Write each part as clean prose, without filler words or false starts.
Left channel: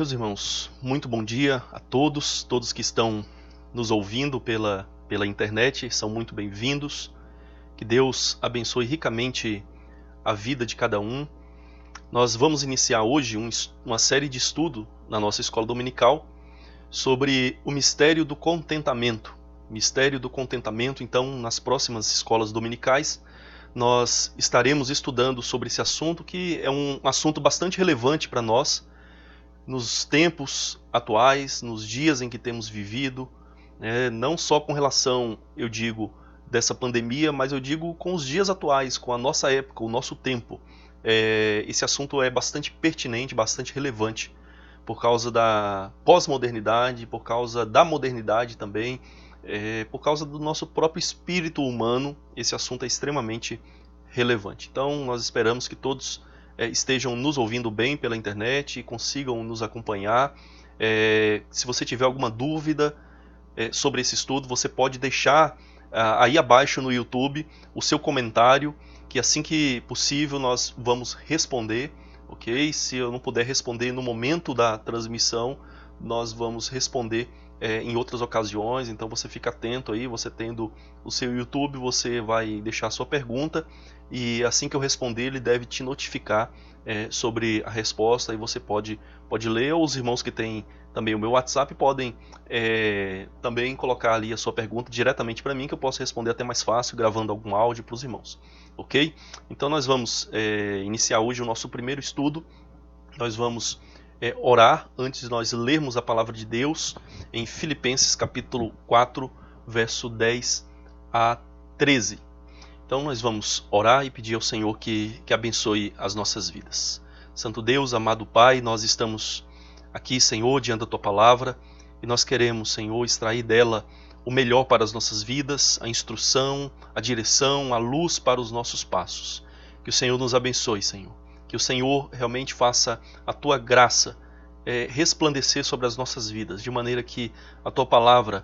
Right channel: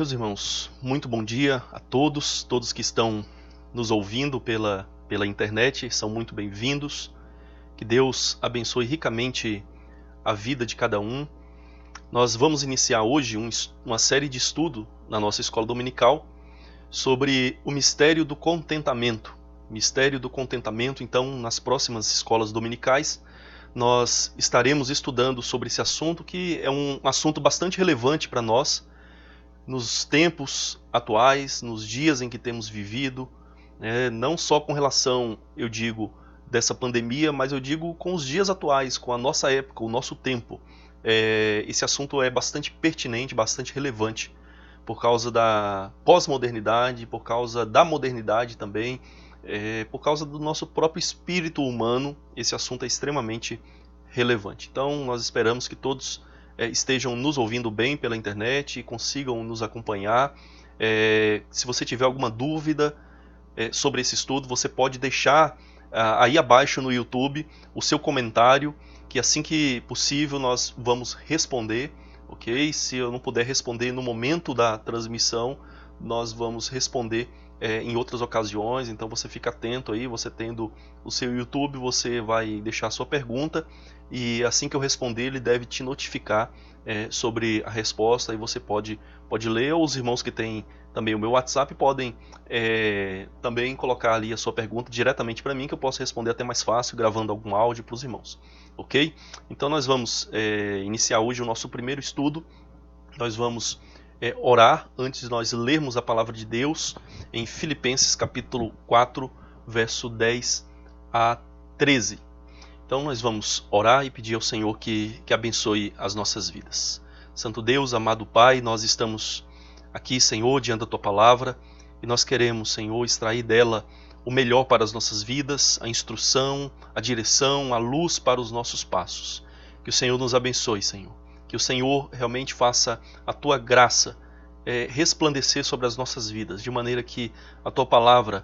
Meus irmãos, muito bom dia a todos que estão nos ouvindo pela internet, são muito bem-vindos. Que Deus abençoe ricamente a vida de cada um. Nós vamos iniciar hoje uma série de estudo na nossa escola dominical sobre o mistério do contentamento. Mistério do contentamento, então, nas próximas escolas dominicais, nós estaremos estudando sobre esse assunto, que é um assunto bastante relevante para nós, nos tempos atuais, nos dias em que temos vivido, não só com relação, eu digo, dessa pandemia, mas eu digo com os dias atuais, com a nossa época, o nosso tempo. Esse assunto é bastante pertinente, bastante relevante, por causa da pós-modernidade, por causa da modernidade também, por causa do nosso próprio espírito humano. Esse assunto é extremamente relevante. Então, nós esperamos que todos estejam nos ouvindo bem pela internet e consigam nos acompanhar. Se você tiver alguma dúvida sobre esse estudo, você pode deixar aí abaixo no YouTube o seu comentário, que assim que possível nós vamos responder, ok? Se eu não puder responder no momento da transmissão, nós vamos responder em outras ocasiões. Então você fica atento aí, você tendo o seu YouTube, você vai deixar a sua pergunta, e assim que eu responder, ele deve te notificar sobre a resposta, e você pode ler. Ou os irmãos que têm também o meu WhatsApp podem também colocar ali a sua pergunta diretamente para mim, que eu posso responder até mais fácil, gravando algum áudio para os irmãos, ok? Então nós vamos iniciar hoje o nosso primeiro estudo. Nós vamos orar antes de nós lermos a palavra de Deus em Filipenses capítulo 4, verso 10 a 13. Então nós vamos orar e pedir ao Senhor que abençoe as nossas vidas. Santo Deus, amado Pai, nós estamos aqui, Senhor, diante da Tua palavra, e nós queremos, Senhor, extrair dela o melhor para as nossas vidas, a instrução, a direção, a luz para os nossos passos. Que o Senhor nos abençoe, Senhor. Que o Senhor realmente possa a Tua graça resplandecer sobre as nossas vidas, de maneira que a Tua palavra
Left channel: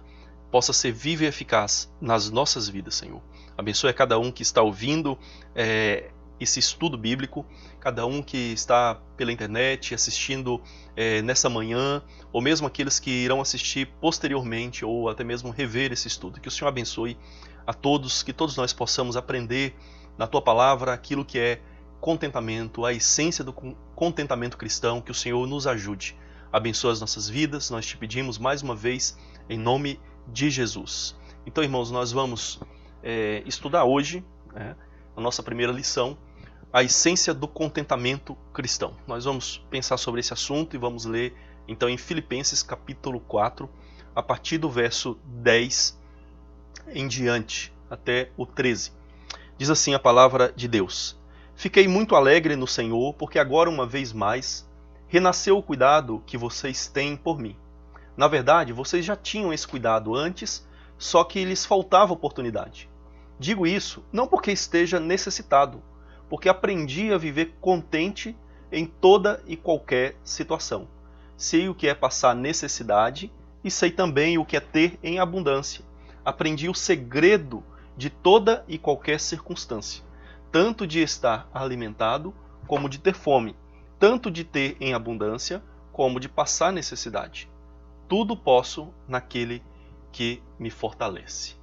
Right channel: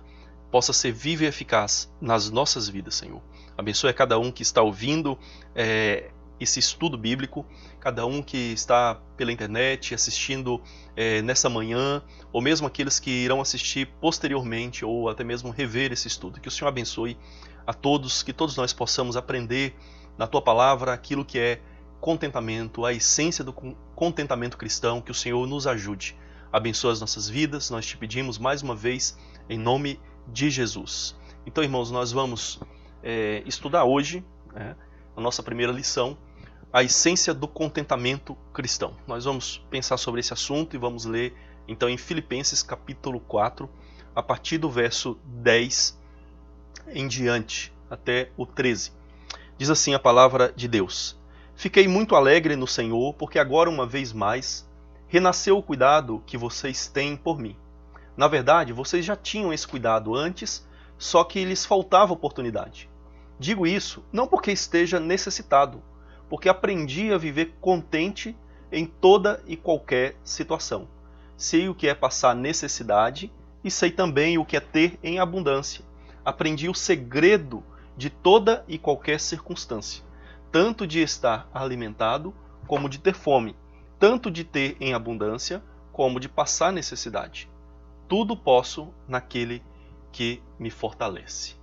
possa ser viva e eficaz nas nossas vidas, Senhor. Abençoe a cada um que está ouvindo esse estudo bíblico, cada um que está pela internet assistindo nessa manhã, ou mesmo aqueles que irão assistir posteriormente, ou até mesmo rever esse estudo. Que o Senhor abençoe a todos, que todos nós possamos aprender na Tua palavra aquilo que é contentamento, a essência do contentamento cristão. Que o Senhor nos ajude. Abençoe as nossas vidas, nós te pedimos mais uma vez, em nome de estudar hoje nossa primeira lição, a essência do contentamento cristão. Nós vamos pensar sobre esse assunto e vamos ler então em Filipenses capítulo 4, a partir do verso 10 em diante, até o 13. Diz assim a palavra de Deus: Fiquei muito alegre no Senhor, porque agora uma vez mais renasceu o cuidado que vocês têm por mim. Na verdade, vocês já tinham esse cuidado antes, só que lhes faltava oportunidade. Digo isso não porque esteja necessitado, porque aprendi a viver contente em toda e qualquer situação. Sei o que é passar necessidade e sei também o que é ter em abundância. Aprendi o segredo de toda e qualquer circunstância, tanto de estar alimentado como de ter fome, tanto de ter em abundância como de passar necessidade. Tudo posso naquele que me fortalece.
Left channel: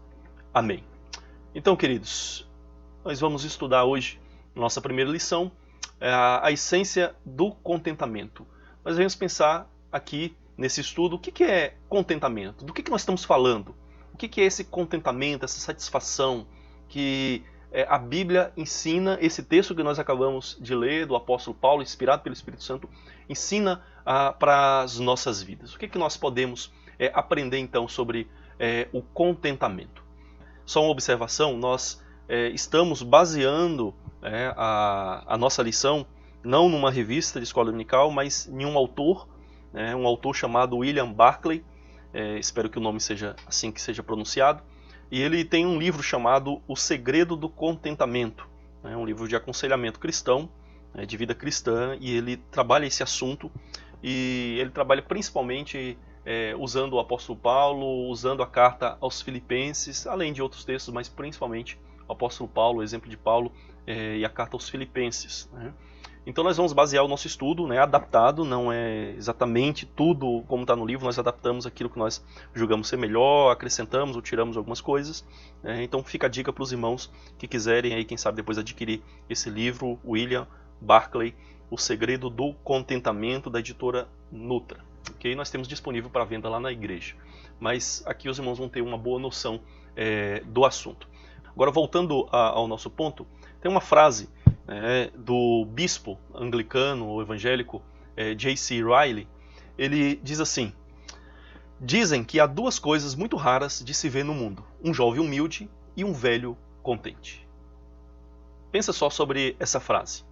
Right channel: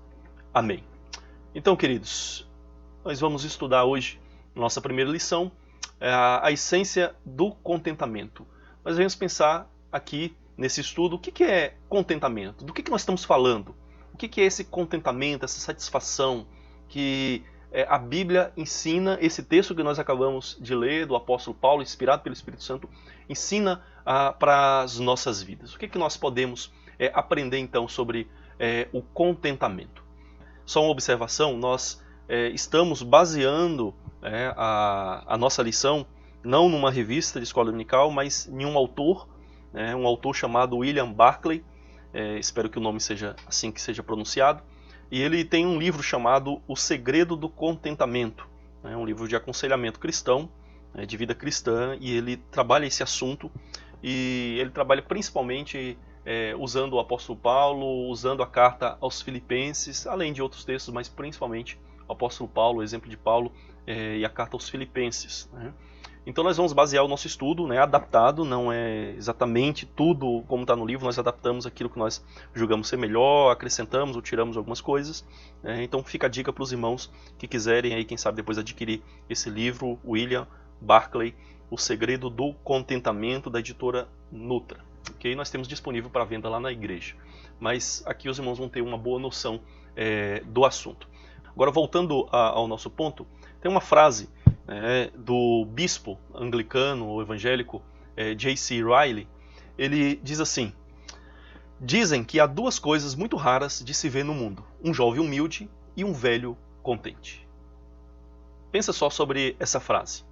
Amém. Então, queridos, nós vamos estudar hoje, nossa primeira lição, a essência do contentamento. Nós vamos pensar aqui nesse estudo o que é contentamento, do que nós estamos falando, o que é esse contentamento, essa satisfação que a Bíblia ensina. Esse texto que nós acabamos de ler, do apóstolo Paulo, inspirado pelo Espírito Santo, ensina para as nossas vidas. O que nós podemos aprender então sobre o contentamento? Só uma observação, nós estamos baseando a nossa lição não numa revista de escola dominical, mas em um autor chamado William Barclay, espero que o nome seja assim que seja pronunciado, e ele tem um livro chamado O Segredo do Contentamento, um livro de aconselhamento cristão, de vida cristã, e ele trabalha esse assunto, e ele trabalha principalmente usando o apóstolo Paulo, usando a carta aos Filipenses, além de outros textos, mas principalmente o apóstolo Paulo, o exemplo de Paulo, e a carta aos Filipenses. Então nós vamos basear o nosso estudo, né, adaptado, não é exatamente tudo como está no livro, nós adaptamos aquilo que nós julgamos ser melhor, acrescentamos ou tiramos algumas coisas. Então fica a dica para os irmãos que quiserem, aí, quem sabe depois adquirir esse livro, William Barclay, O Segredo do Contentamento, da editora Nutra. Okay? Nós temos disponível para venda lá na igreja. Mas aqui os irmãos vão ter uma boa noção do assunto. Agora, voltando ao nosso ponto, tem uma frase do bispo anglicano ou evangélico J.C. Ryle. Ele diz assim: dizem que há duas coisas muito raras de se ver no mundo: um jovem humilde e um velho contente. Pensa só sobre essa frase.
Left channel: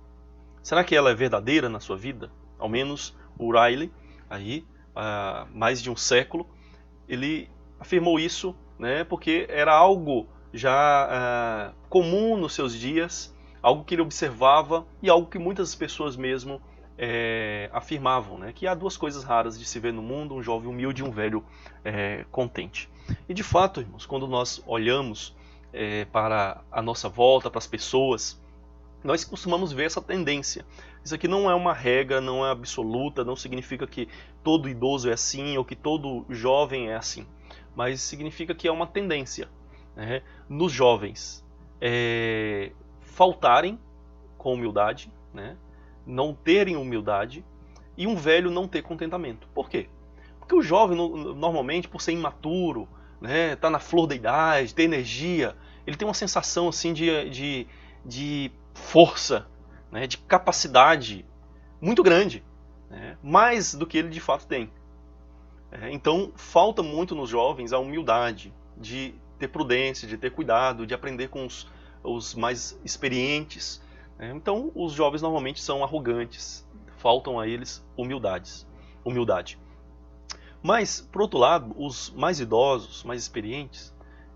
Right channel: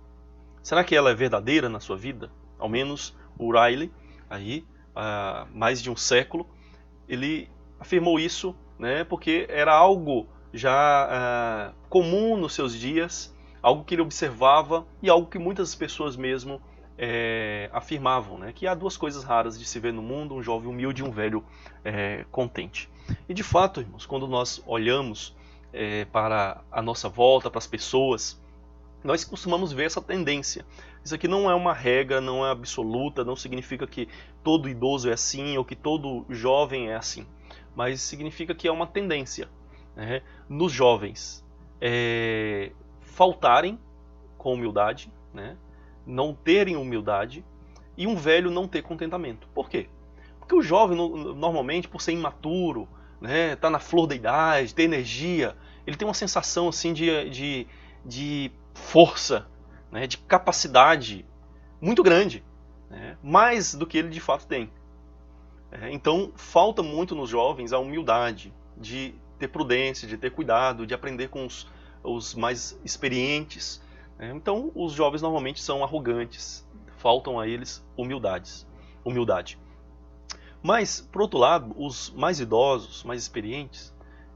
Será que ela é verdadeira na sua vida? Ao menos o Ryle, aí, há mais de um século, ele afirmou isso, né, porque era algo já comum nos seus dias, algo que ele observava e algo que muitas pessoas mesmo afirmavam, né, que há duas coisas raras de se ver no mundo: um jovem humilde e um velho contente. E de fato, irmãos, quando nós olhamos para a nossa volta, para as pessoas, nós costumamos ver essa tendência. Isso aqui não é uma regra, não é absoluta, não significa que todo idoso é assim ou que todo jovem é assim, mas significa que é uma tendência nos jovens faltarem com humildade, né, não terem humildade, e um velho não ter contentamento. Por quê? Porque o jovem, normalmente, por ser imaturo, né, tá na flor da idade, tem energia, ele tem uma sensação assim de força, né, de capacidade muito grande, né, mais do que ele de fato tem. Então, falta muito nos jovens a humildade, de ter prudência, de ter cuidado, de aprender com os mais experientes. Então, os jovens normalmente são arrogantes, faltam a eles humildade. Mas, por outro lado, os mais idosos, mais experientes,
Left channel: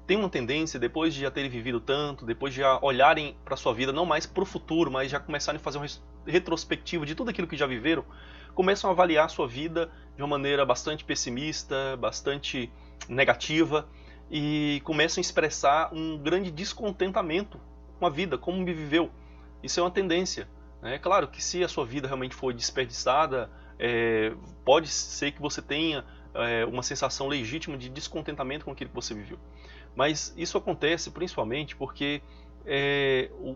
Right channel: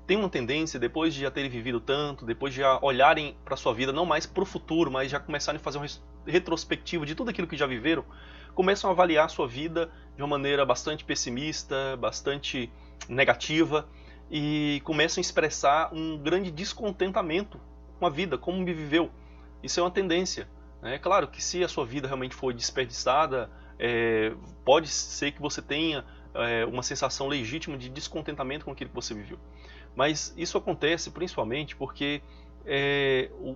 têm uma tendência, depois de já terem vivido tanto, depois de já olharem para a sua vida, não mais para o futuro, mas já começarem a fazer um retrospectivo de tudo aquilo que já viveram, começam a avaliar a sua vida de uma maneira bastante pessimista, bastante negativa, e começam a expressar um grande descontentamento com a vida, como me viveu. Isso é uma tendência. É claro que se a sua vida realmente foi desperdiçada, pode ser que você tenha uma sensação legítima de descontentamento com aquilo que você viveu. Mas isso acontece principalmente porque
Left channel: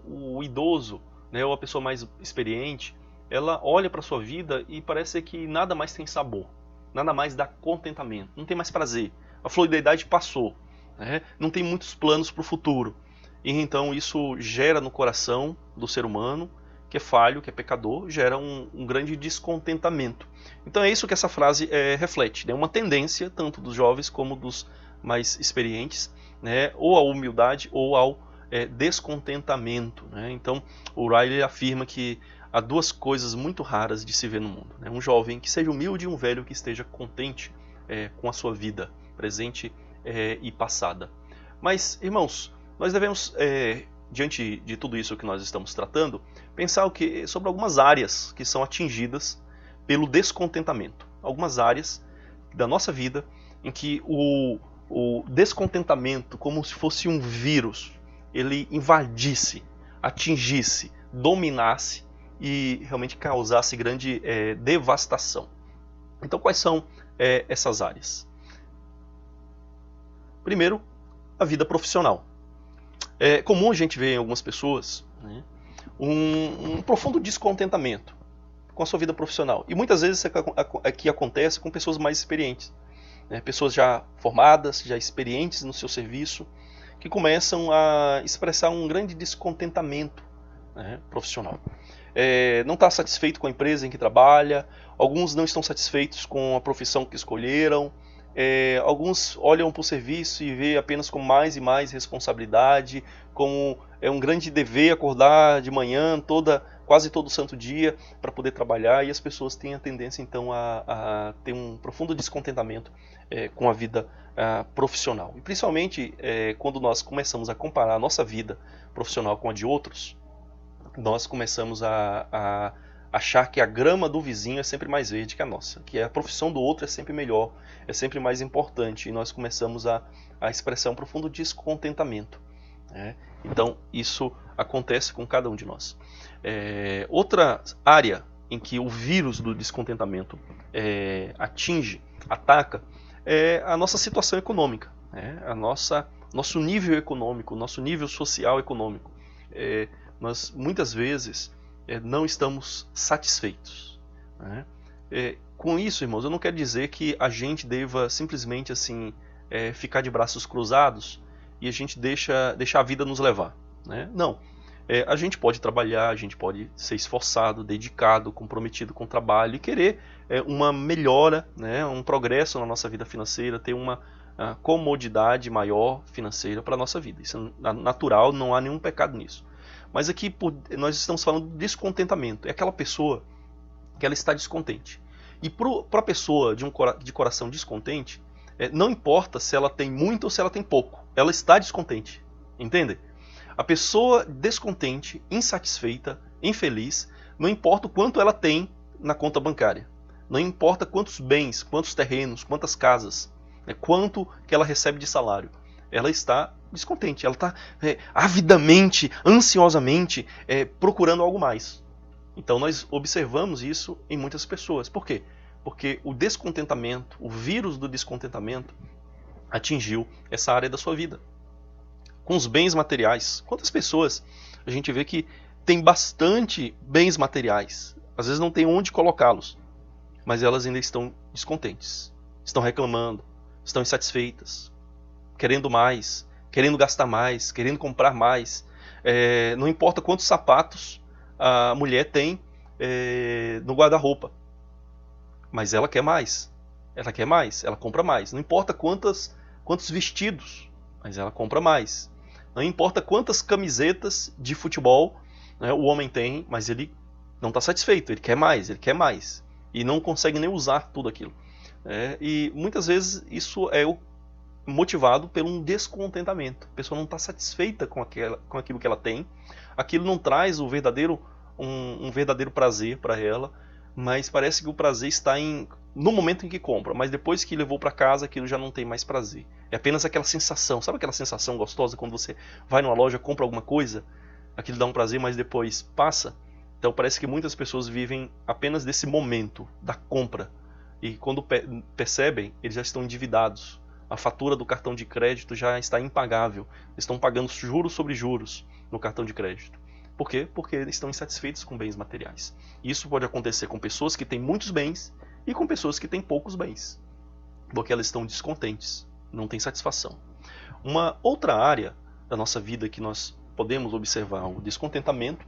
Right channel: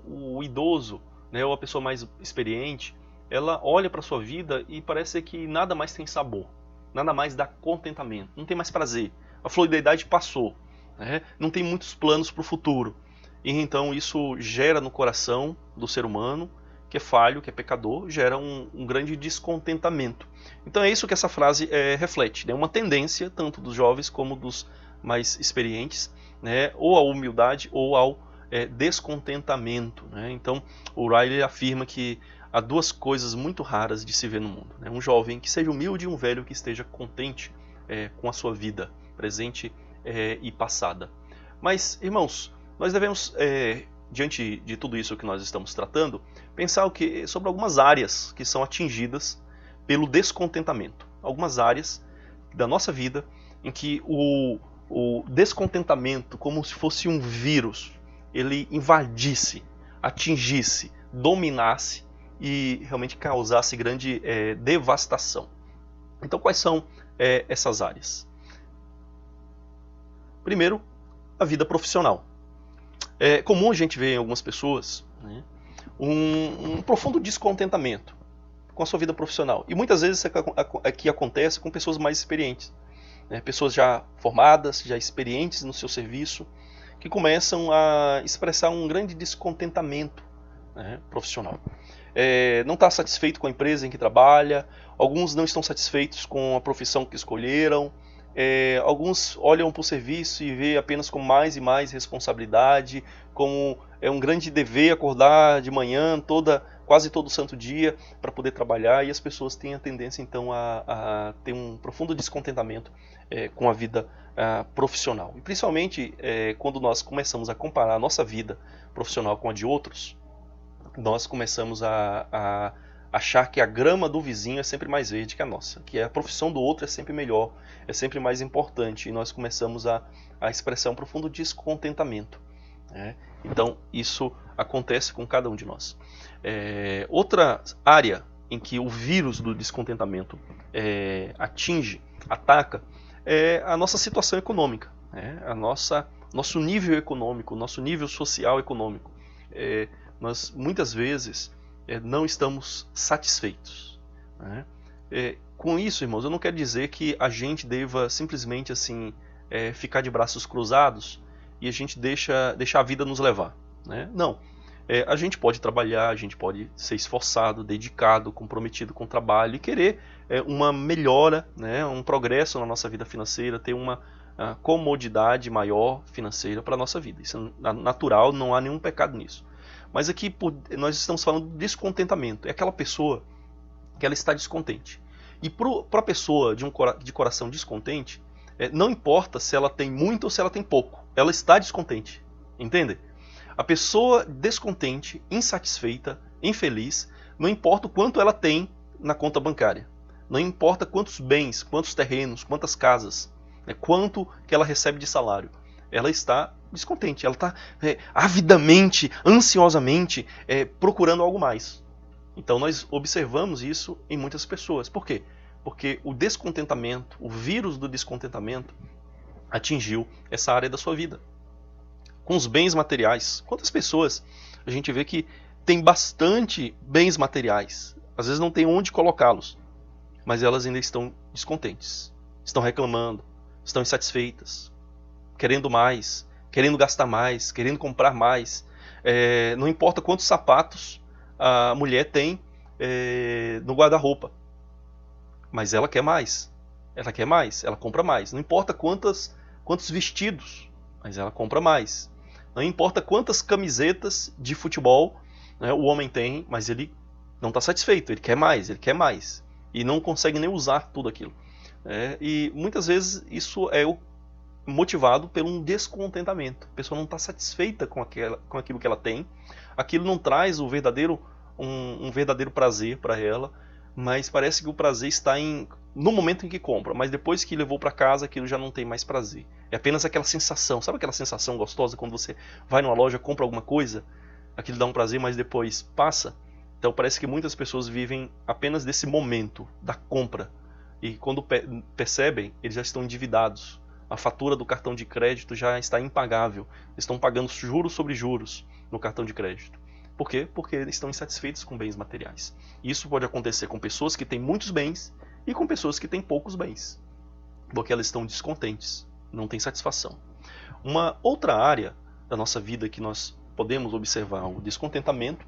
o idoso, né, ou a pessoa mais experiente, ela olha para a sua vida e parece que nada mais tem sabor, nada mais dá contentamento, não tem mais prazer. A flor da idade passou, né, não tem muitos planos para o futuro. E então isso gera no coração do ser humano, que é falho, que é pecador, gera um grande descontentamento. Então é isso que essa frase reflete, né? Uma tendência tanto dos jovens como dos mais experientes, né? Ou à humildade ou ao descontentamento, né? Então o Ryle afirma que há duas coisas muito raras de se ver no mundo, né? Um jovem que seja humilde e um velho que esteja contente com a sua vida presente e passada. Mas, Inês, que o descontentamento, como se fosse um vírus, ele invadisse, atingisse, dominasse e realmente causasse grande devastação. Então, quais são essas áreas? Primeiro, a vida profissional. É comum a gente ver em algumas pessoas, né, um profundo descontentamento com a sua vida profissional. E muitas vezes isso aqui acontece com pessoas mais experientes, né, pessoas já formadas, já experientes no seu serviço, que começam a expressar um grande descontentamento, né, profissional. Não está satisfeito com a empresa em que trabalha, alguns não estão satisfeitos com a profissão que escolheram, alguns olham para o serviço e vê apenas com mais e mais responsabilidade, como um grande dever acordar de manhã, quase todo santo dia, para poder trabalhar, e as pessoas têm a tendência então a ter um profundo descontentamento com a vida profissional. E principalmente quando nós começamos a comparar a nossa vida profissional com a de outros, nós começamos a achar que a grama do vizinho é sempre mais verde que a nossa, que a profissão do outro é sempre melhor, é sempre mais importante, e nós começamos a expressar um profundo descontentamento, né? Então isso acontece com cada um de nós. Outra área em que o vírus do descontentamento ataca, é a nossa situação econômica, nosso nível econômico, nosso nível social econômico. Nós muitas vezes não estamos satisfeitos, né? Com isso, irmãos, eu não quero dizer que a gente deva simplesmente assim ficar de braços cruzados e a gente deixa a vida nos levar, né? Não. A gente pode trabalhar, a gente pode ser esforçado, dedicado, comprometido com o trabalho e querer uma melhora, né, um progresso na nossa vida financeira, ter uma comodidade maior financeira para a nossa vida. Isso é natural, não há nenhum pecado nisso. Mas aqui nós estamos falando de descontentamento. É aquela pessoa que ela está descontente. E para a pessoa de coração descontente, não importa se ela tem muito ou se ela tem pouco, ela está descontente. Entendem? A pessoa descontente, insatisfeita, infeliz, não importa o quanto ela tem na conta bancária, não importa quantos bens, quantos terrenos, quantas casas, quanto que ela recebe de salário, ela está descontente, ela está avidamente, ansiosamente procurando algo mais. Então nós observamos isso em muitas pessoas. Por quê? Porque o descontentamento, o vírus do descontentamento atingiu essa área da sua vida. Com os bens materiais. Quantas pessoas a gente vê que tem bastante bens materiais, às vezes não tem onde colocá-los, mas elas ainda estão descontentes, estão reclamando, estão insatisfeitas, querendo mais, querendo gastar mais, querendo comprar mais. Não importa quantos sapatos a mulher tem no guarda-roupa, mas ela quer mais, ela compra mais. Não importa quantos vestidos, mas ela compra mais. Não importa quantas camisetas de futebol, né, o homem tem, mas ele não está satisfeito, ele quer mais. E não consegue nem usar tudo aquilo. E muitas vezes isso é motivado por um descontentamento. A pessoa não está satisfeita com aquilo que ela tem, aquilo não traz um verdadeiro prazer para ela, mas parece que o prazer está no momento em que compra, mas depois que levou para casa aquilo já não tem mais prazer. É apenas aquela sensação, sabe aquela sensação gostosa quando você vai numa loja, compra alguma coisa, aquilo dá um prazer, mas depois passa? Então parece que muitas pessoas vivem apenas desse momento da compra e quando percebem, eles já estão endividados. A fatura do cartão de crédito já está impagável, eles estão pagando juros sobre juros no cartão de crédito. Por quê? Porque eles estão insatisfeitos com bens materiais. Isso pode acontecer com pessoas que têm muitos bens e com pessoas que têm poucos bens, porque elas estão descontentes, não têm satisfação. Uma outra área da nossa vida que nós podemos observar o descontentamento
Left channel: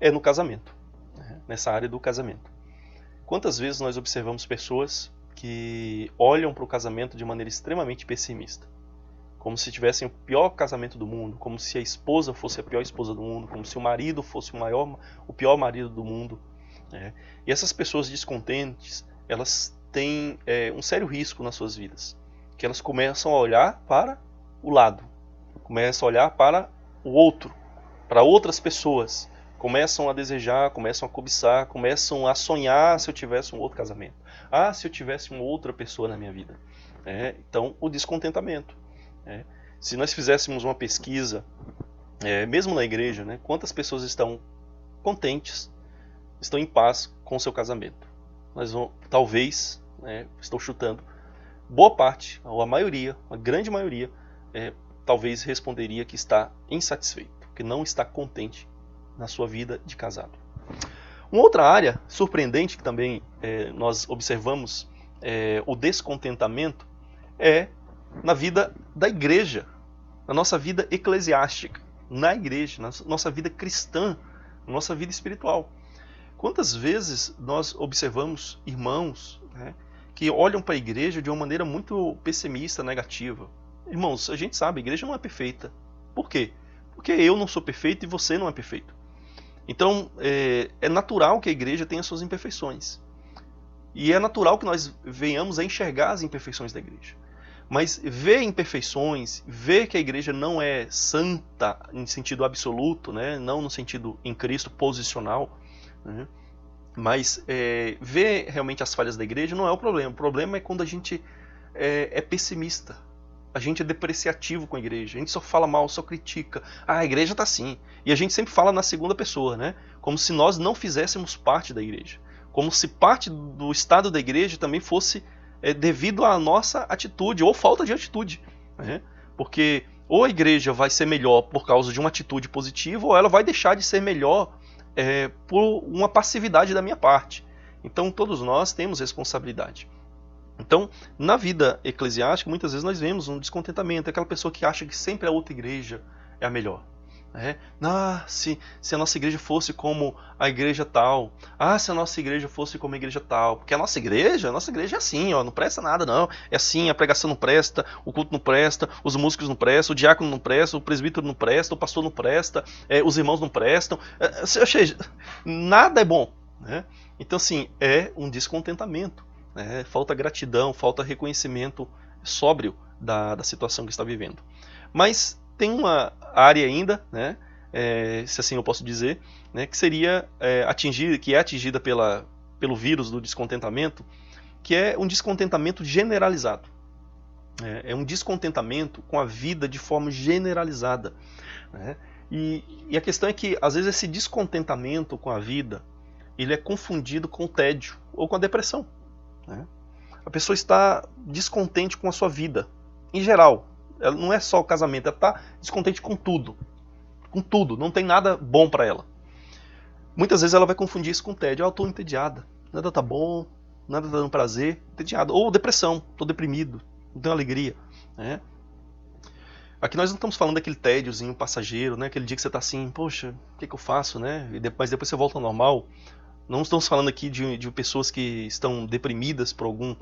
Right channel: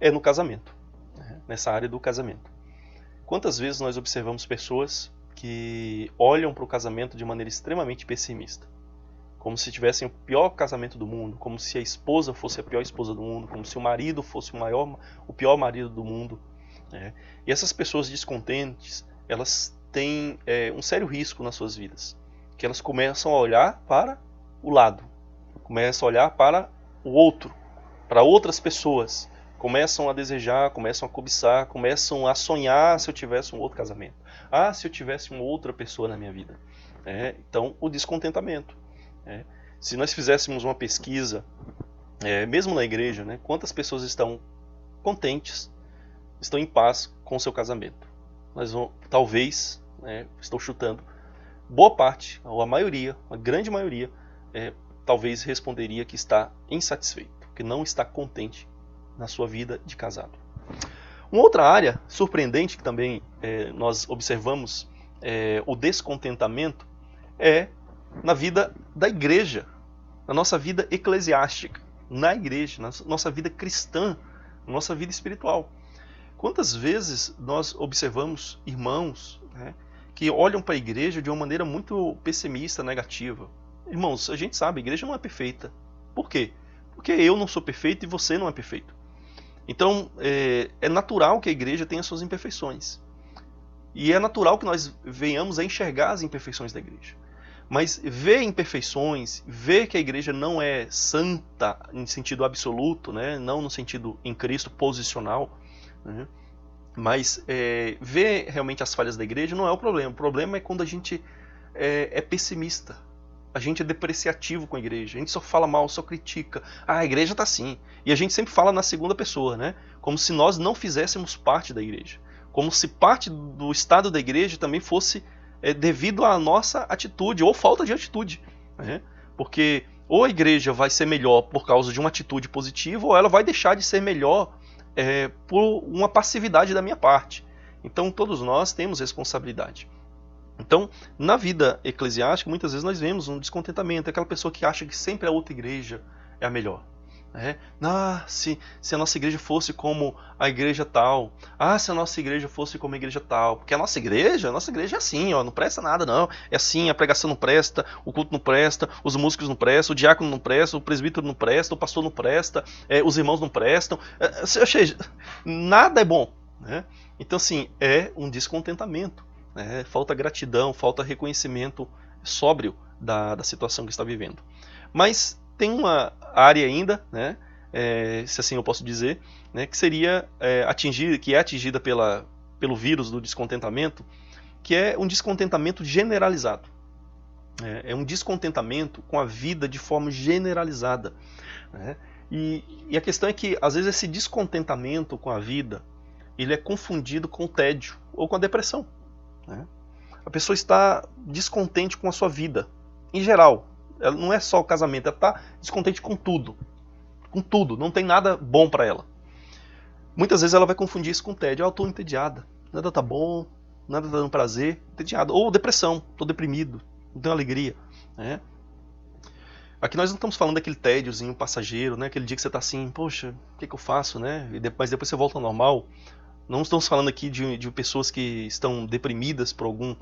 é no casamento, nessa área do casamento. Quantas vezes nós observamos pessoas que olham para o casamento de maneira extremamente pessimista, como se tivessem o pior casamento do mundo, como se a esposa fosse a pior esposa do mundo, como se o marido fosse o pior marido do mundo. E essas pessoas descontentes, elas têm um sério risco nas suas vidas, que elas começam a olhar para o lado, começam a olhar para o outro, para outras pessoas, começam a desejar, começam a cobiçar, começam a sonhar se eu tivesse um outro casamento. Se eu tivesse uma outra pessoa na minha vida. Então, o descontentamento. Se nós fizéssemos uma pesquisa, mesmo na igreja, quantas pessoas estão contentes, estão em paz com o seu casamento? Nós vamos, talvez, estou chutando, boa parte, ou a maioria, a grande maioria, talvez responderia que está insatisfeito, que não está contente na sua vida de casado. Uma outra área surpreendente que também nós observamos o descontentamento é na vida da igreja, na nossa vida eclesiástica, na igreja, na nossa vida cristã, na nossa vida espiritual. Quantas vezes nós observamos irmãos que olham para a igreja de uma maneira muito pessimista, negativa? Irmãos, a gente sabe, a igreja não é perfeita. Por quê? Porque eu não sou perfeito e você não é perfeito. Então, é natural que a igreja tenha suas imperfeições. E é natural que nós venhamos a enxergar as imperfeições da igreja. Mas ver imperfeições, ver que a igreja não é santa em sentido absoluto, não no sentido em Cristo posicional, mas ver realmente as falhas da igreja não é o problema. O problema é quando a gente é pessimista, a gente é depreciativo com a igreja. A gente só fala mal, só critica. Ah, a igreja tá assim. E a gente sempre fala na segunda pessoa, né? Como se nós não fizéssemos parte da igreja. Como se parte do estado da igreja também fosse devido à nossa atitude ou falta de atitude, né? Porque ou a igreja vai ser melhor por causa de uma atitude positiva, ou ela vai deixar de ser melhor por uma passividade da minha parte. Então todos nós temos responsabilidade. Então, na vida eclesiástica, muitas vezes nós vemos um descontentamento, aquela pessoa que acha que sempre a outra igreja é a melhor. Se a nossa igreja fosse como a igreja tal, se a nossa igreja fosse como a igreja tal, porque a nossa igreja é assim, ó, não presta nada não, é assim, a pregação não presta, o culto não presta, os músicos não prestam, o diácono não presta, o presbítero não presta, o pastor não presta, os irmãos não prestam, ou seja, nada é bom, né? Então assim, é um descontentamento, falta gratidão, falta reconhecimento sóbrio da situação que está vivendo. Mas tem uma área ainda, né, se assim eu posso dizer, né, que seria atingida pelo vírus do descontentamento, que é um descontentamento generalizado. É um descontentamento com a vida de forma generalizada. E a questão é que, às vezes, esse descontentamento com a vida, ele é confundido com o tédio ou com a depressão. A pessoa está descontente com a sua vida, em geral. Ela não é só o casamento, ela está descontente com tudo. Com tudo, não tem nada bom para ela. Muitas vezes ela vai confundir isso com tédio. Eu estou entediada, nada tá bom, nada tá dando prazer, entediado. Ou depressão, estou deprimido, não tenho alegria. Aqui nós não estamos falando daquele tédiozinho passageiro, né? Aquele dia que você está assim, poxa, o que eu faço, né? Mas depois você volta ao normal. Não estamos falando aqui de pessoas que estão deprimidas por algum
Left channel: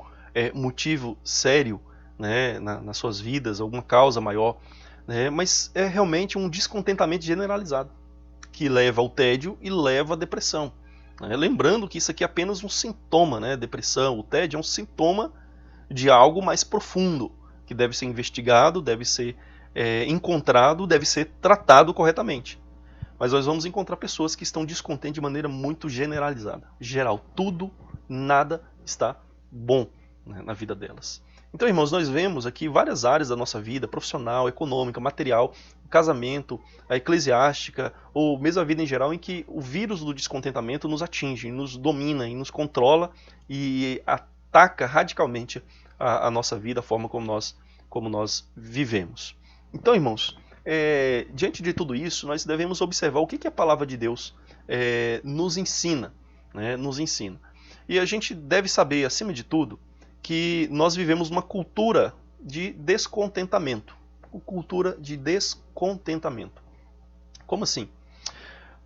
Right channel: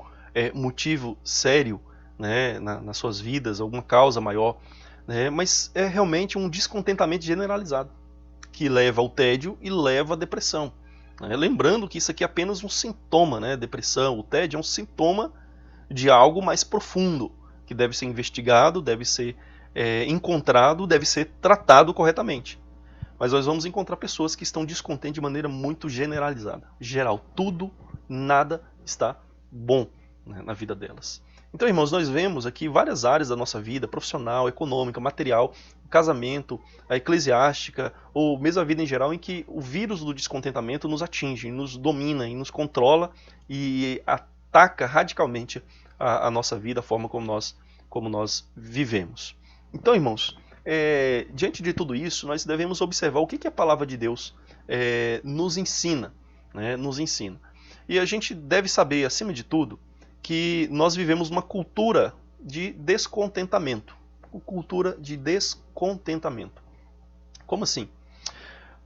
motivo sério, né, nas suas vidas, alguma causa maior, né, mas é realmente um descontentamento generalizado que leva ao tédio e leva à depressão. Lembrando que isso aqui é apenas um sintoma, né? Depressão, o tédio é um sintoma de algo mais profundo, que deve ser investigado, deve ser encontrado, deve ser tratado corretamente. Mas nós vamos encontrar pessoas que estão descontentes de maneira muito generalizada. Geral, tudo, nada está bom, né, na vida delas. Então, irmãos, nós vemos aqui várias áreas da nossa vida, profissional, econômica, material, casamento, a eclesiástica, ou mesmo a vida em geral, em que o vírus do descontentamento nos atinge, nos domina, e nos controla e ataca radicalmente a nossa vida, a forma como nós vivemos. Então, irmãos, diante de tudo isso, nós devemos observar o que a palavra de Deus nos ensina, né? Nos ensina. E a gente deve saber, acima de tudo, que nós vivemos uma cultura de descontentamento. Cultura de descontentamento. Como assim?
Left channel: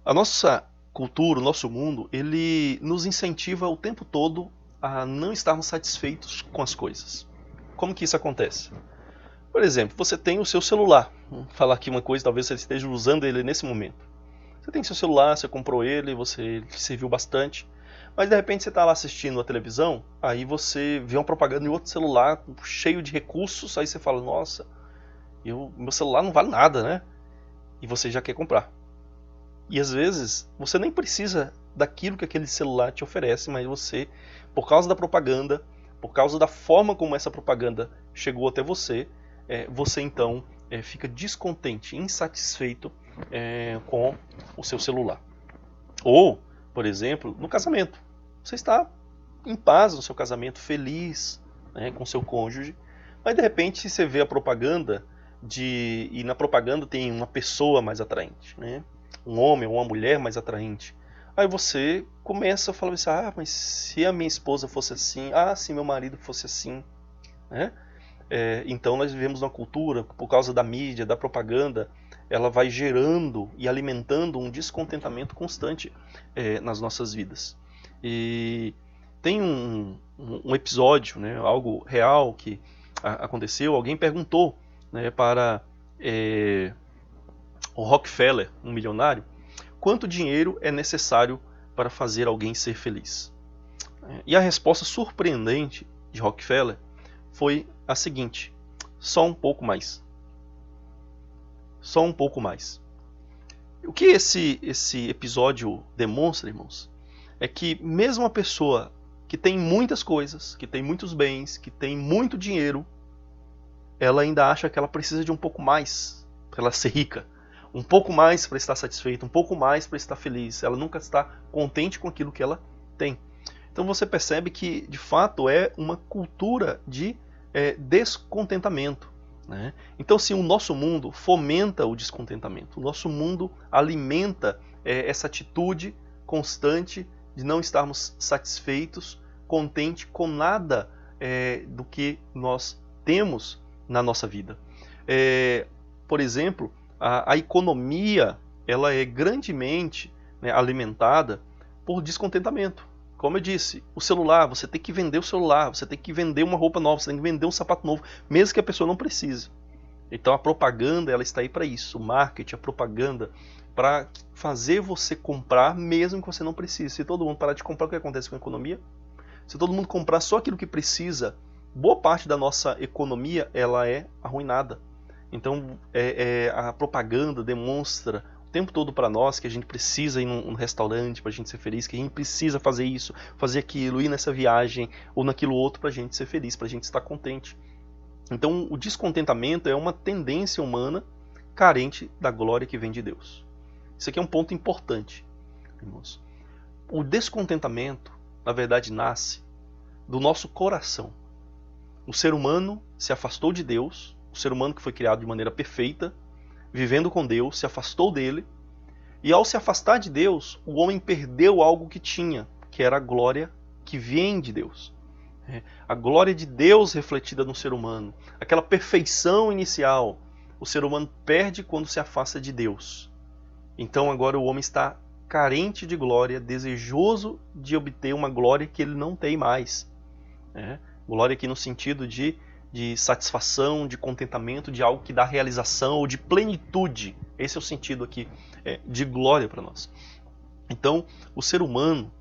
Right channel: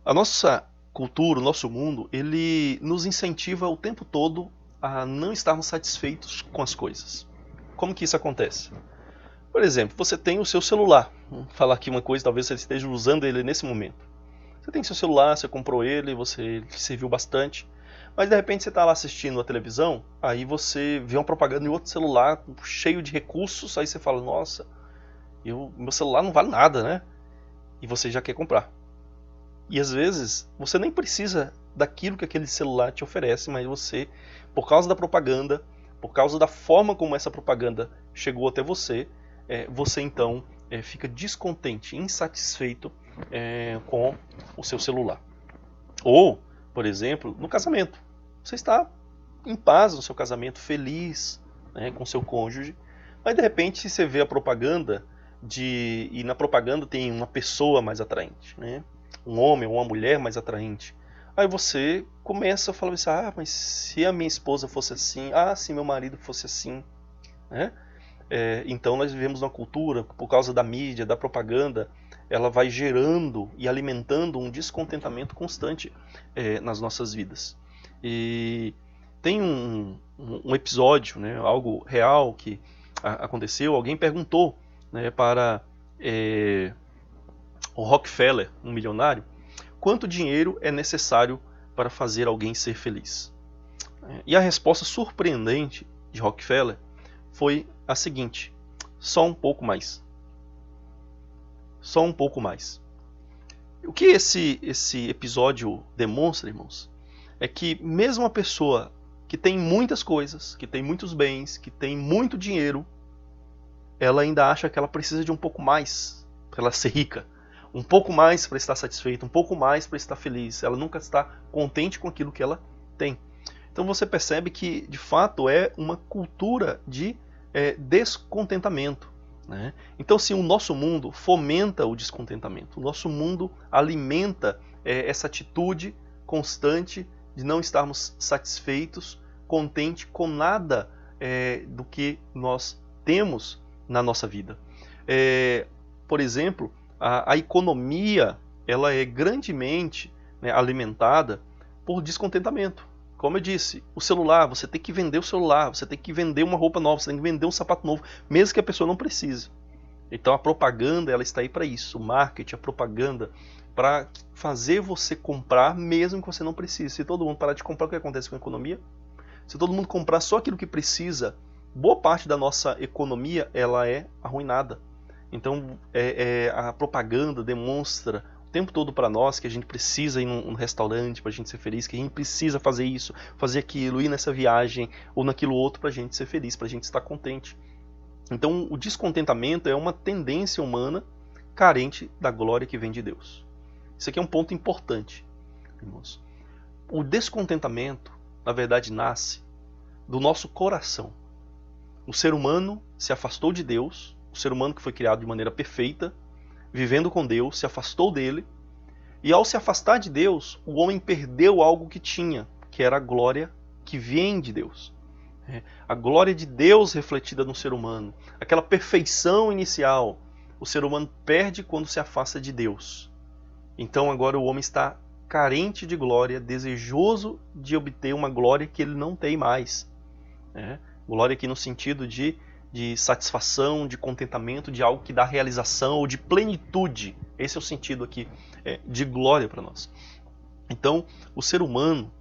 A nossa cultura, o nosso mundo, ele nos incentiva o tempo todo a não estarmos satisfeitos com as coisas. Como que isso acontece? Por exemplo, você tem o seu celular. Vou falar aqui uma coisa, talvez você esteja usando ele nesse momento. Você tem seu celular, você comprou ele, você serviu bastante. Mas de repente você está lá assistindo a televisão, aí você vê uma propaganda em outro celular cheio de recursos, aí você fala, nossa, meu celular não vale nada, né? E você já quer comprar. E às vezes você nem precisa daquilo que aquele celular te oferece, mas você, por causa da propaganda, por causa da forma como essa propaganda chegou até você, você então fica descontente, insatisfeito com o seu celular. Ou, por exemplo, no casamento. Você está em paz no seu casamento, feliz, né, com seu cônjuge, mas de repente você vê a propaganda e na propaganda tem uma pessoa mais atraente, né? Um homem ou uma mulher mais atraente. Aí você começa a falar assim, mas se a minha esposa fosse assim, se meu marido fosse assim, né? Então nós vivemos uma cultura, por causa da mídia, da propaganda, ela vai gerando e alimentando um descontentamento constante nas nossas vidas. E tem um episódio, né, algo real que aconteceu, alguém perguntou, né, para o Rockefeller, um milionário, quanto dinheiro é necessário para fazer alguém ser feliz. E a resposta surpreendente de Rockefeller foi a seguinte: só um pouco mais. Só um pouco mais. O que esse episódio demonstra, irmãos, é que mesmo uma pessoa que tem muitas coisas, que tem muitos bens, que tem muito dinheiro, ela ainda acha que ela precisa de um pouco mais para ela ser rica, um pouco mais para estar satisfeita, um pouco mais para estar feliz. Ela nunca está contente com aquilo que ela tem. Então você percebe que, de fato, é uma cultura de descontentamento, né? Então, se o nosso mundo fomenta o descontentamento, o nosso mundo alimenta essa atitude constante de não estarmos satisfeitos, contente com nada do que nós temos na nossa vida. Por exemplo, a economia ela é grandemente, né, alimentada por descontentamento. Como eu disse, o celular, você tem que vender o celular, você tem que vender uma roupa nova, você tem que vender um sapato novo, mesmo que a pessoa não precise. Então a propaganda ela está aí para isso, o marketing, a propaganda, para fazer você comprar mesmo que você não precise. Se todo mundo parar de comprar, o que acontece com a economia? Se todo mundo comprar só aquilo que precisa, boa parte da nossa economia ela é arruinada. Então a propaganda demonstra o tempo todo para nós que a gente precisa ir num restaurante para a gente ser feliz, que a gente precisa fazer isso, fazer aquilo, ir nessa viagem ou naquilo outro para a gente ser feliz, para a gente estar contente. Então o descontentamento é uma tendência humana carente da glória que vem de Deus. Isso aqui é um ponto importante, irmãos. O descontentamento, na verdade, nasce do nosso coração. O ser humano se afastou de Deus, o ser humano que foi criado de maneira perfeita, vivendo com Deus, se afastou dele, e ao se afastar de Deus, o homem perdeu algo que tinha, que era a glória que vem de Deus. A glória de Deus refletida no ser humano, aquela perfeição inicial, o ser humano perde quando se afasta de Deus. Então agora o homem está carente de glória, desejoso de obter uma glória que ele não tem mais. Glória aqui no sentido de satisfação, de contentamento, de algo que dá realização ou de plenitude. Esse é o sentido aqui de glória para nós. Então o ser humano,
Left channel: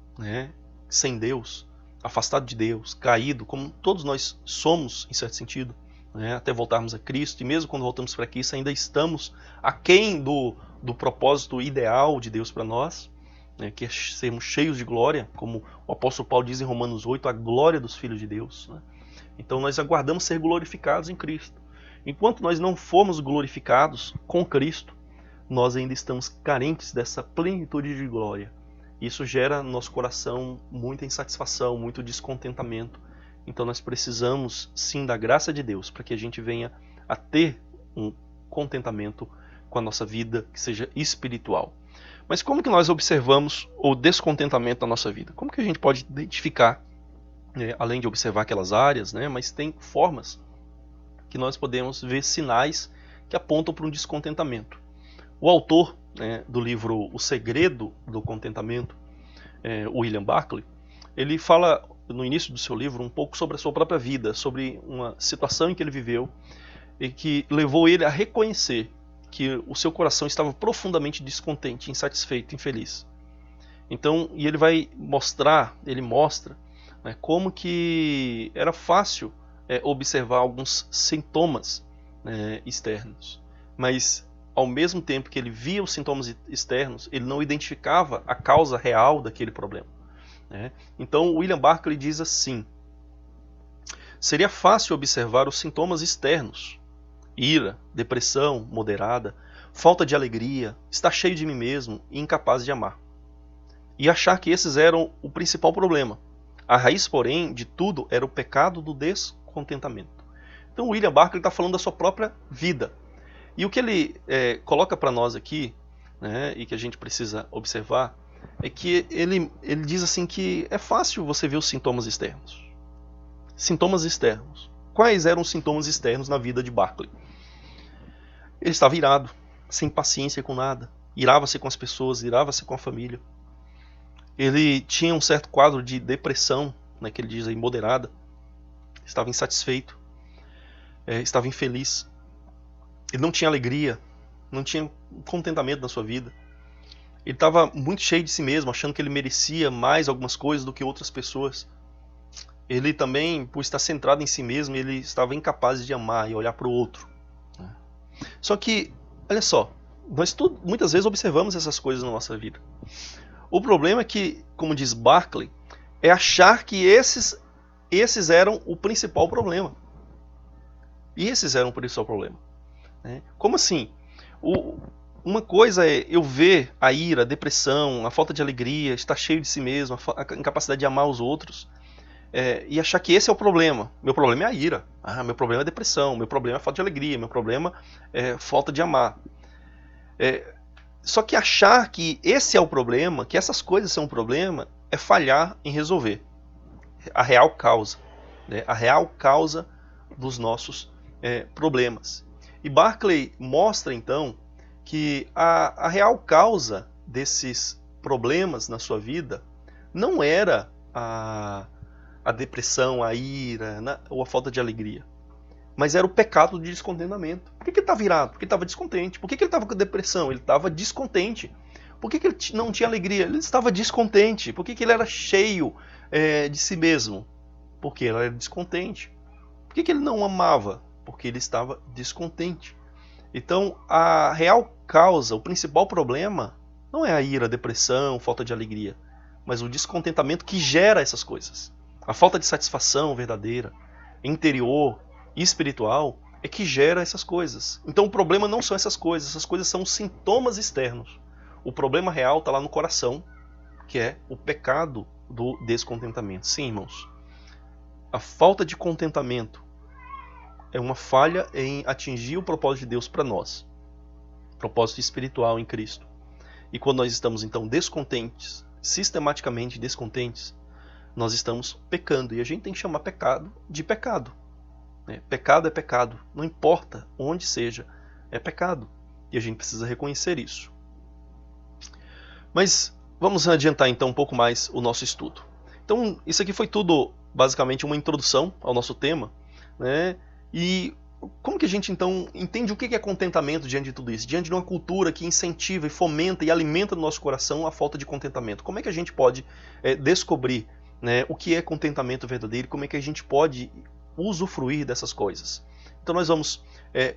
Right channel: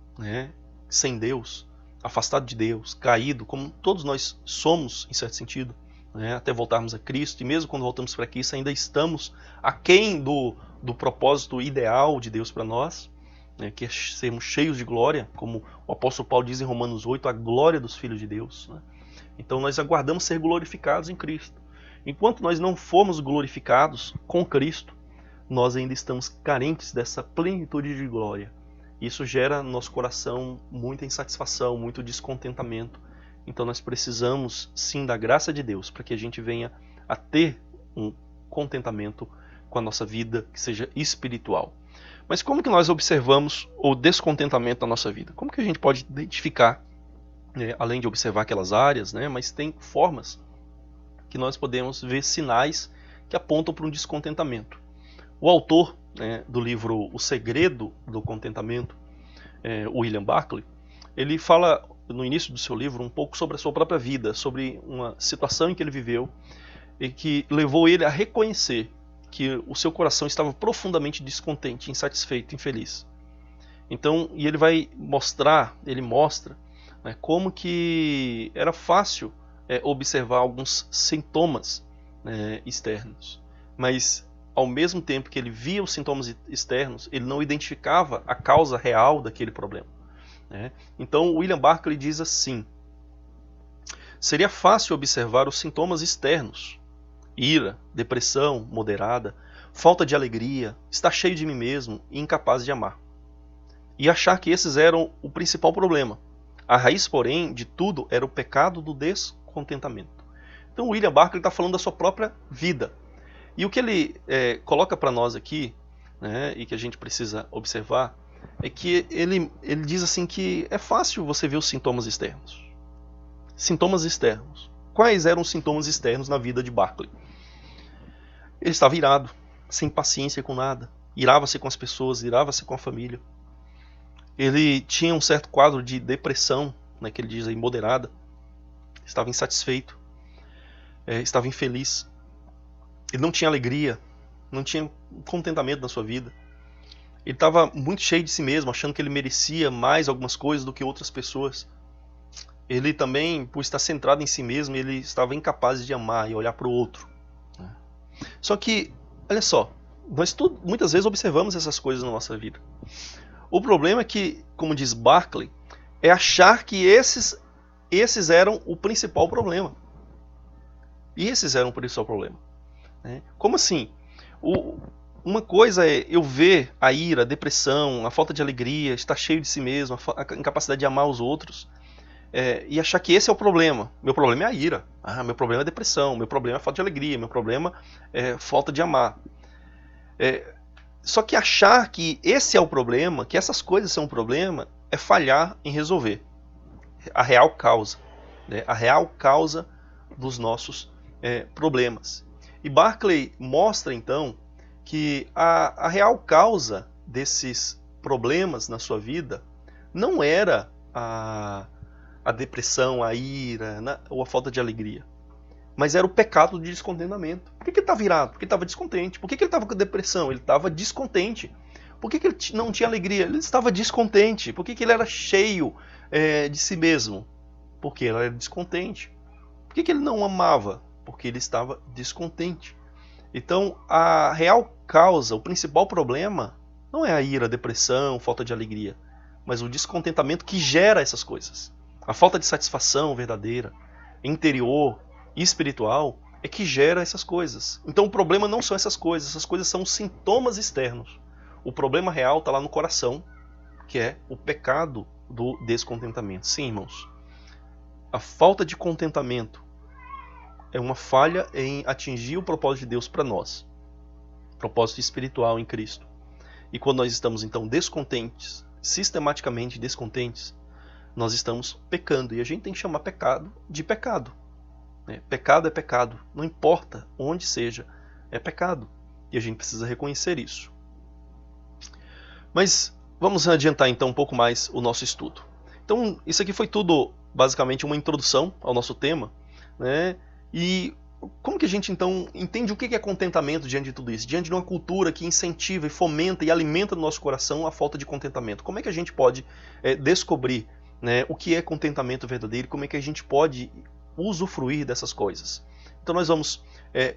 sem Deus, afastado de Deus, caído, como todos nós somos em certo sentido, até voltarmos a Cristo, e mesmo quando voltamos para Cristo ainda estamos aquém do propósito ideal de Deus para nós, que é sermos cheios de glória, como o apóstolo Paulo diz em Romanos 8, a glória dos filhos de Deus. Então nós aguardamos ser glorificados em Cristo. Enquanto nós não formos glorificados com Cristo, nós ainda estamos carentes dessa plenitude de glória. Isso gera no nosso coração muita insatisfação, muito descontentamento. Então nós precisamos sim da graça de Deus para que a gente venha a ter um contentamento com a nossa vida que seja espiritual. Mas como que nós observamos o descontentamento na nossa vida? Como que a gente pode identificar, além de observar aquelas áreas, mas tem formas que nós podemos ver sinais que apontam para um descontentamento. O autor do livro O Segredo do Contentamento, William Barclay, ele fala no início do seu livro um pouco sobre a sua própria vida, sobre uma situação em que ele viveu e que levou ele a reconhecer que o seu coração estava profundamente descontente, insatisfeito, infeliz. Então, e ele vai mostra como que era fácil observar alguns sintomas externos, mas ao mesmo tempo que ele via os sintomas externos, ele não identificava a causa real daquele problema. Então, William Barclay diz assim: seria fácil observar os sintomas externos, ira, depressão moderada, falta de alegria, estar cheio de mim mesmo e incapaz de amar, e achar que esses eram o principal problema. A raiz, porém, de tudo era o pecado do descontentamento. Então, William Barclay está falando da sua própria vida. E o que ele coloca para nós aqui, e que a gente precisa observar, é que ele diz assim que é fácil você ver os sintomas externos. Sintomas externos. Quais eram os sintomas externos na vida de Barclay? Ele estava irado, sem paciência com nada, irava-se com as pessoas, irava-se com a família. Ele tinha um certo quadro de depressão, que ele diz aí, moderada. Estava insatisfeito, estava infeliz. Ele não tinha alegria, não tinha contentamento na sua vida. Ele estava muito cheio de si mesmo, achando que ele merecia mais algumas coisas do que outras pessoas. Ele também, por estar centrado em si mesmo, ele estava incapaz de amar e olhar para o outro. Só que, olha só, nós muitas vezes observamos essas coisas na nossa vida. O problema é que, como diz Barclay, é achar que esses eram o principal problema. E esses eram por isso o problema. Né? Como assim? Uma coisa é eu ver a ira, a depressão, a falta de alegria, estar cheio de si mesmo, a incapacidade de amar os outros, e achar que esse é o problema. Meu problema é a ira, meu problema é a depressão, meu problema é a falta de alegria, meu problema é falta de amar. Só que achar que esse é o problema, que essas coisas são o problema, é falhar em resolver a real causa, né? A real causa dos nossos problemas. E Barclay mostra então que a real causa desses problemas na sua vida não era a depressão, a ira, ou a falta de alegria, mas era o pecado de descontentamento. Por que ele estava virado? Porque ele estava descontente. Por que ele estava com depressão? Ele estava descontente. Por que ele não tinha alegria? Ele estava descontente. Por que ele era cheio de si mesmo? Porque ele era descontente. Por que ele não amava? Porque ele estava descontente. Então, a real causa, o principal problema, não é a ira, a depressão, falta de alegria, mas o descontentamento que gera essas coisas. A falta de satisfação verdadeira, interior e espiritual, é que gera essas coisas. Então, o problema não são essas coisas são sintomas externos. O problema real está lá no coração, que é o pecado do descontentamento. Sim, irmãos. A falta de contentamento é uma falha em atingir o propósito de Deus para nós. O propósito espiritual em Cristo. E quando nós estamos, então, descontentes, sistematicamente descontentes, nós estamos pecando. E a gente tem que chamar pecado de pecado. Pecado é pecado. Não importa onde seja, é pecado. E a gente precisa reconhecer isso. Mas vamos adiantar, então, um pouco mais o nosso estudo. Então, isso aqui foi tudo, basicamente, uma introdução ao nosso tema, né? E como que a gente, então, entende o que é contentamento diante de tudo isso? Diante de uma cultura que incentiva e fomenta e alimenta no nosso coração a falta de contentamento. Como é que a gente pode descobrir, né, o que é contentamento verdadeiro? Como é que a gente pode usufruir dessas coisas? Então nós vamos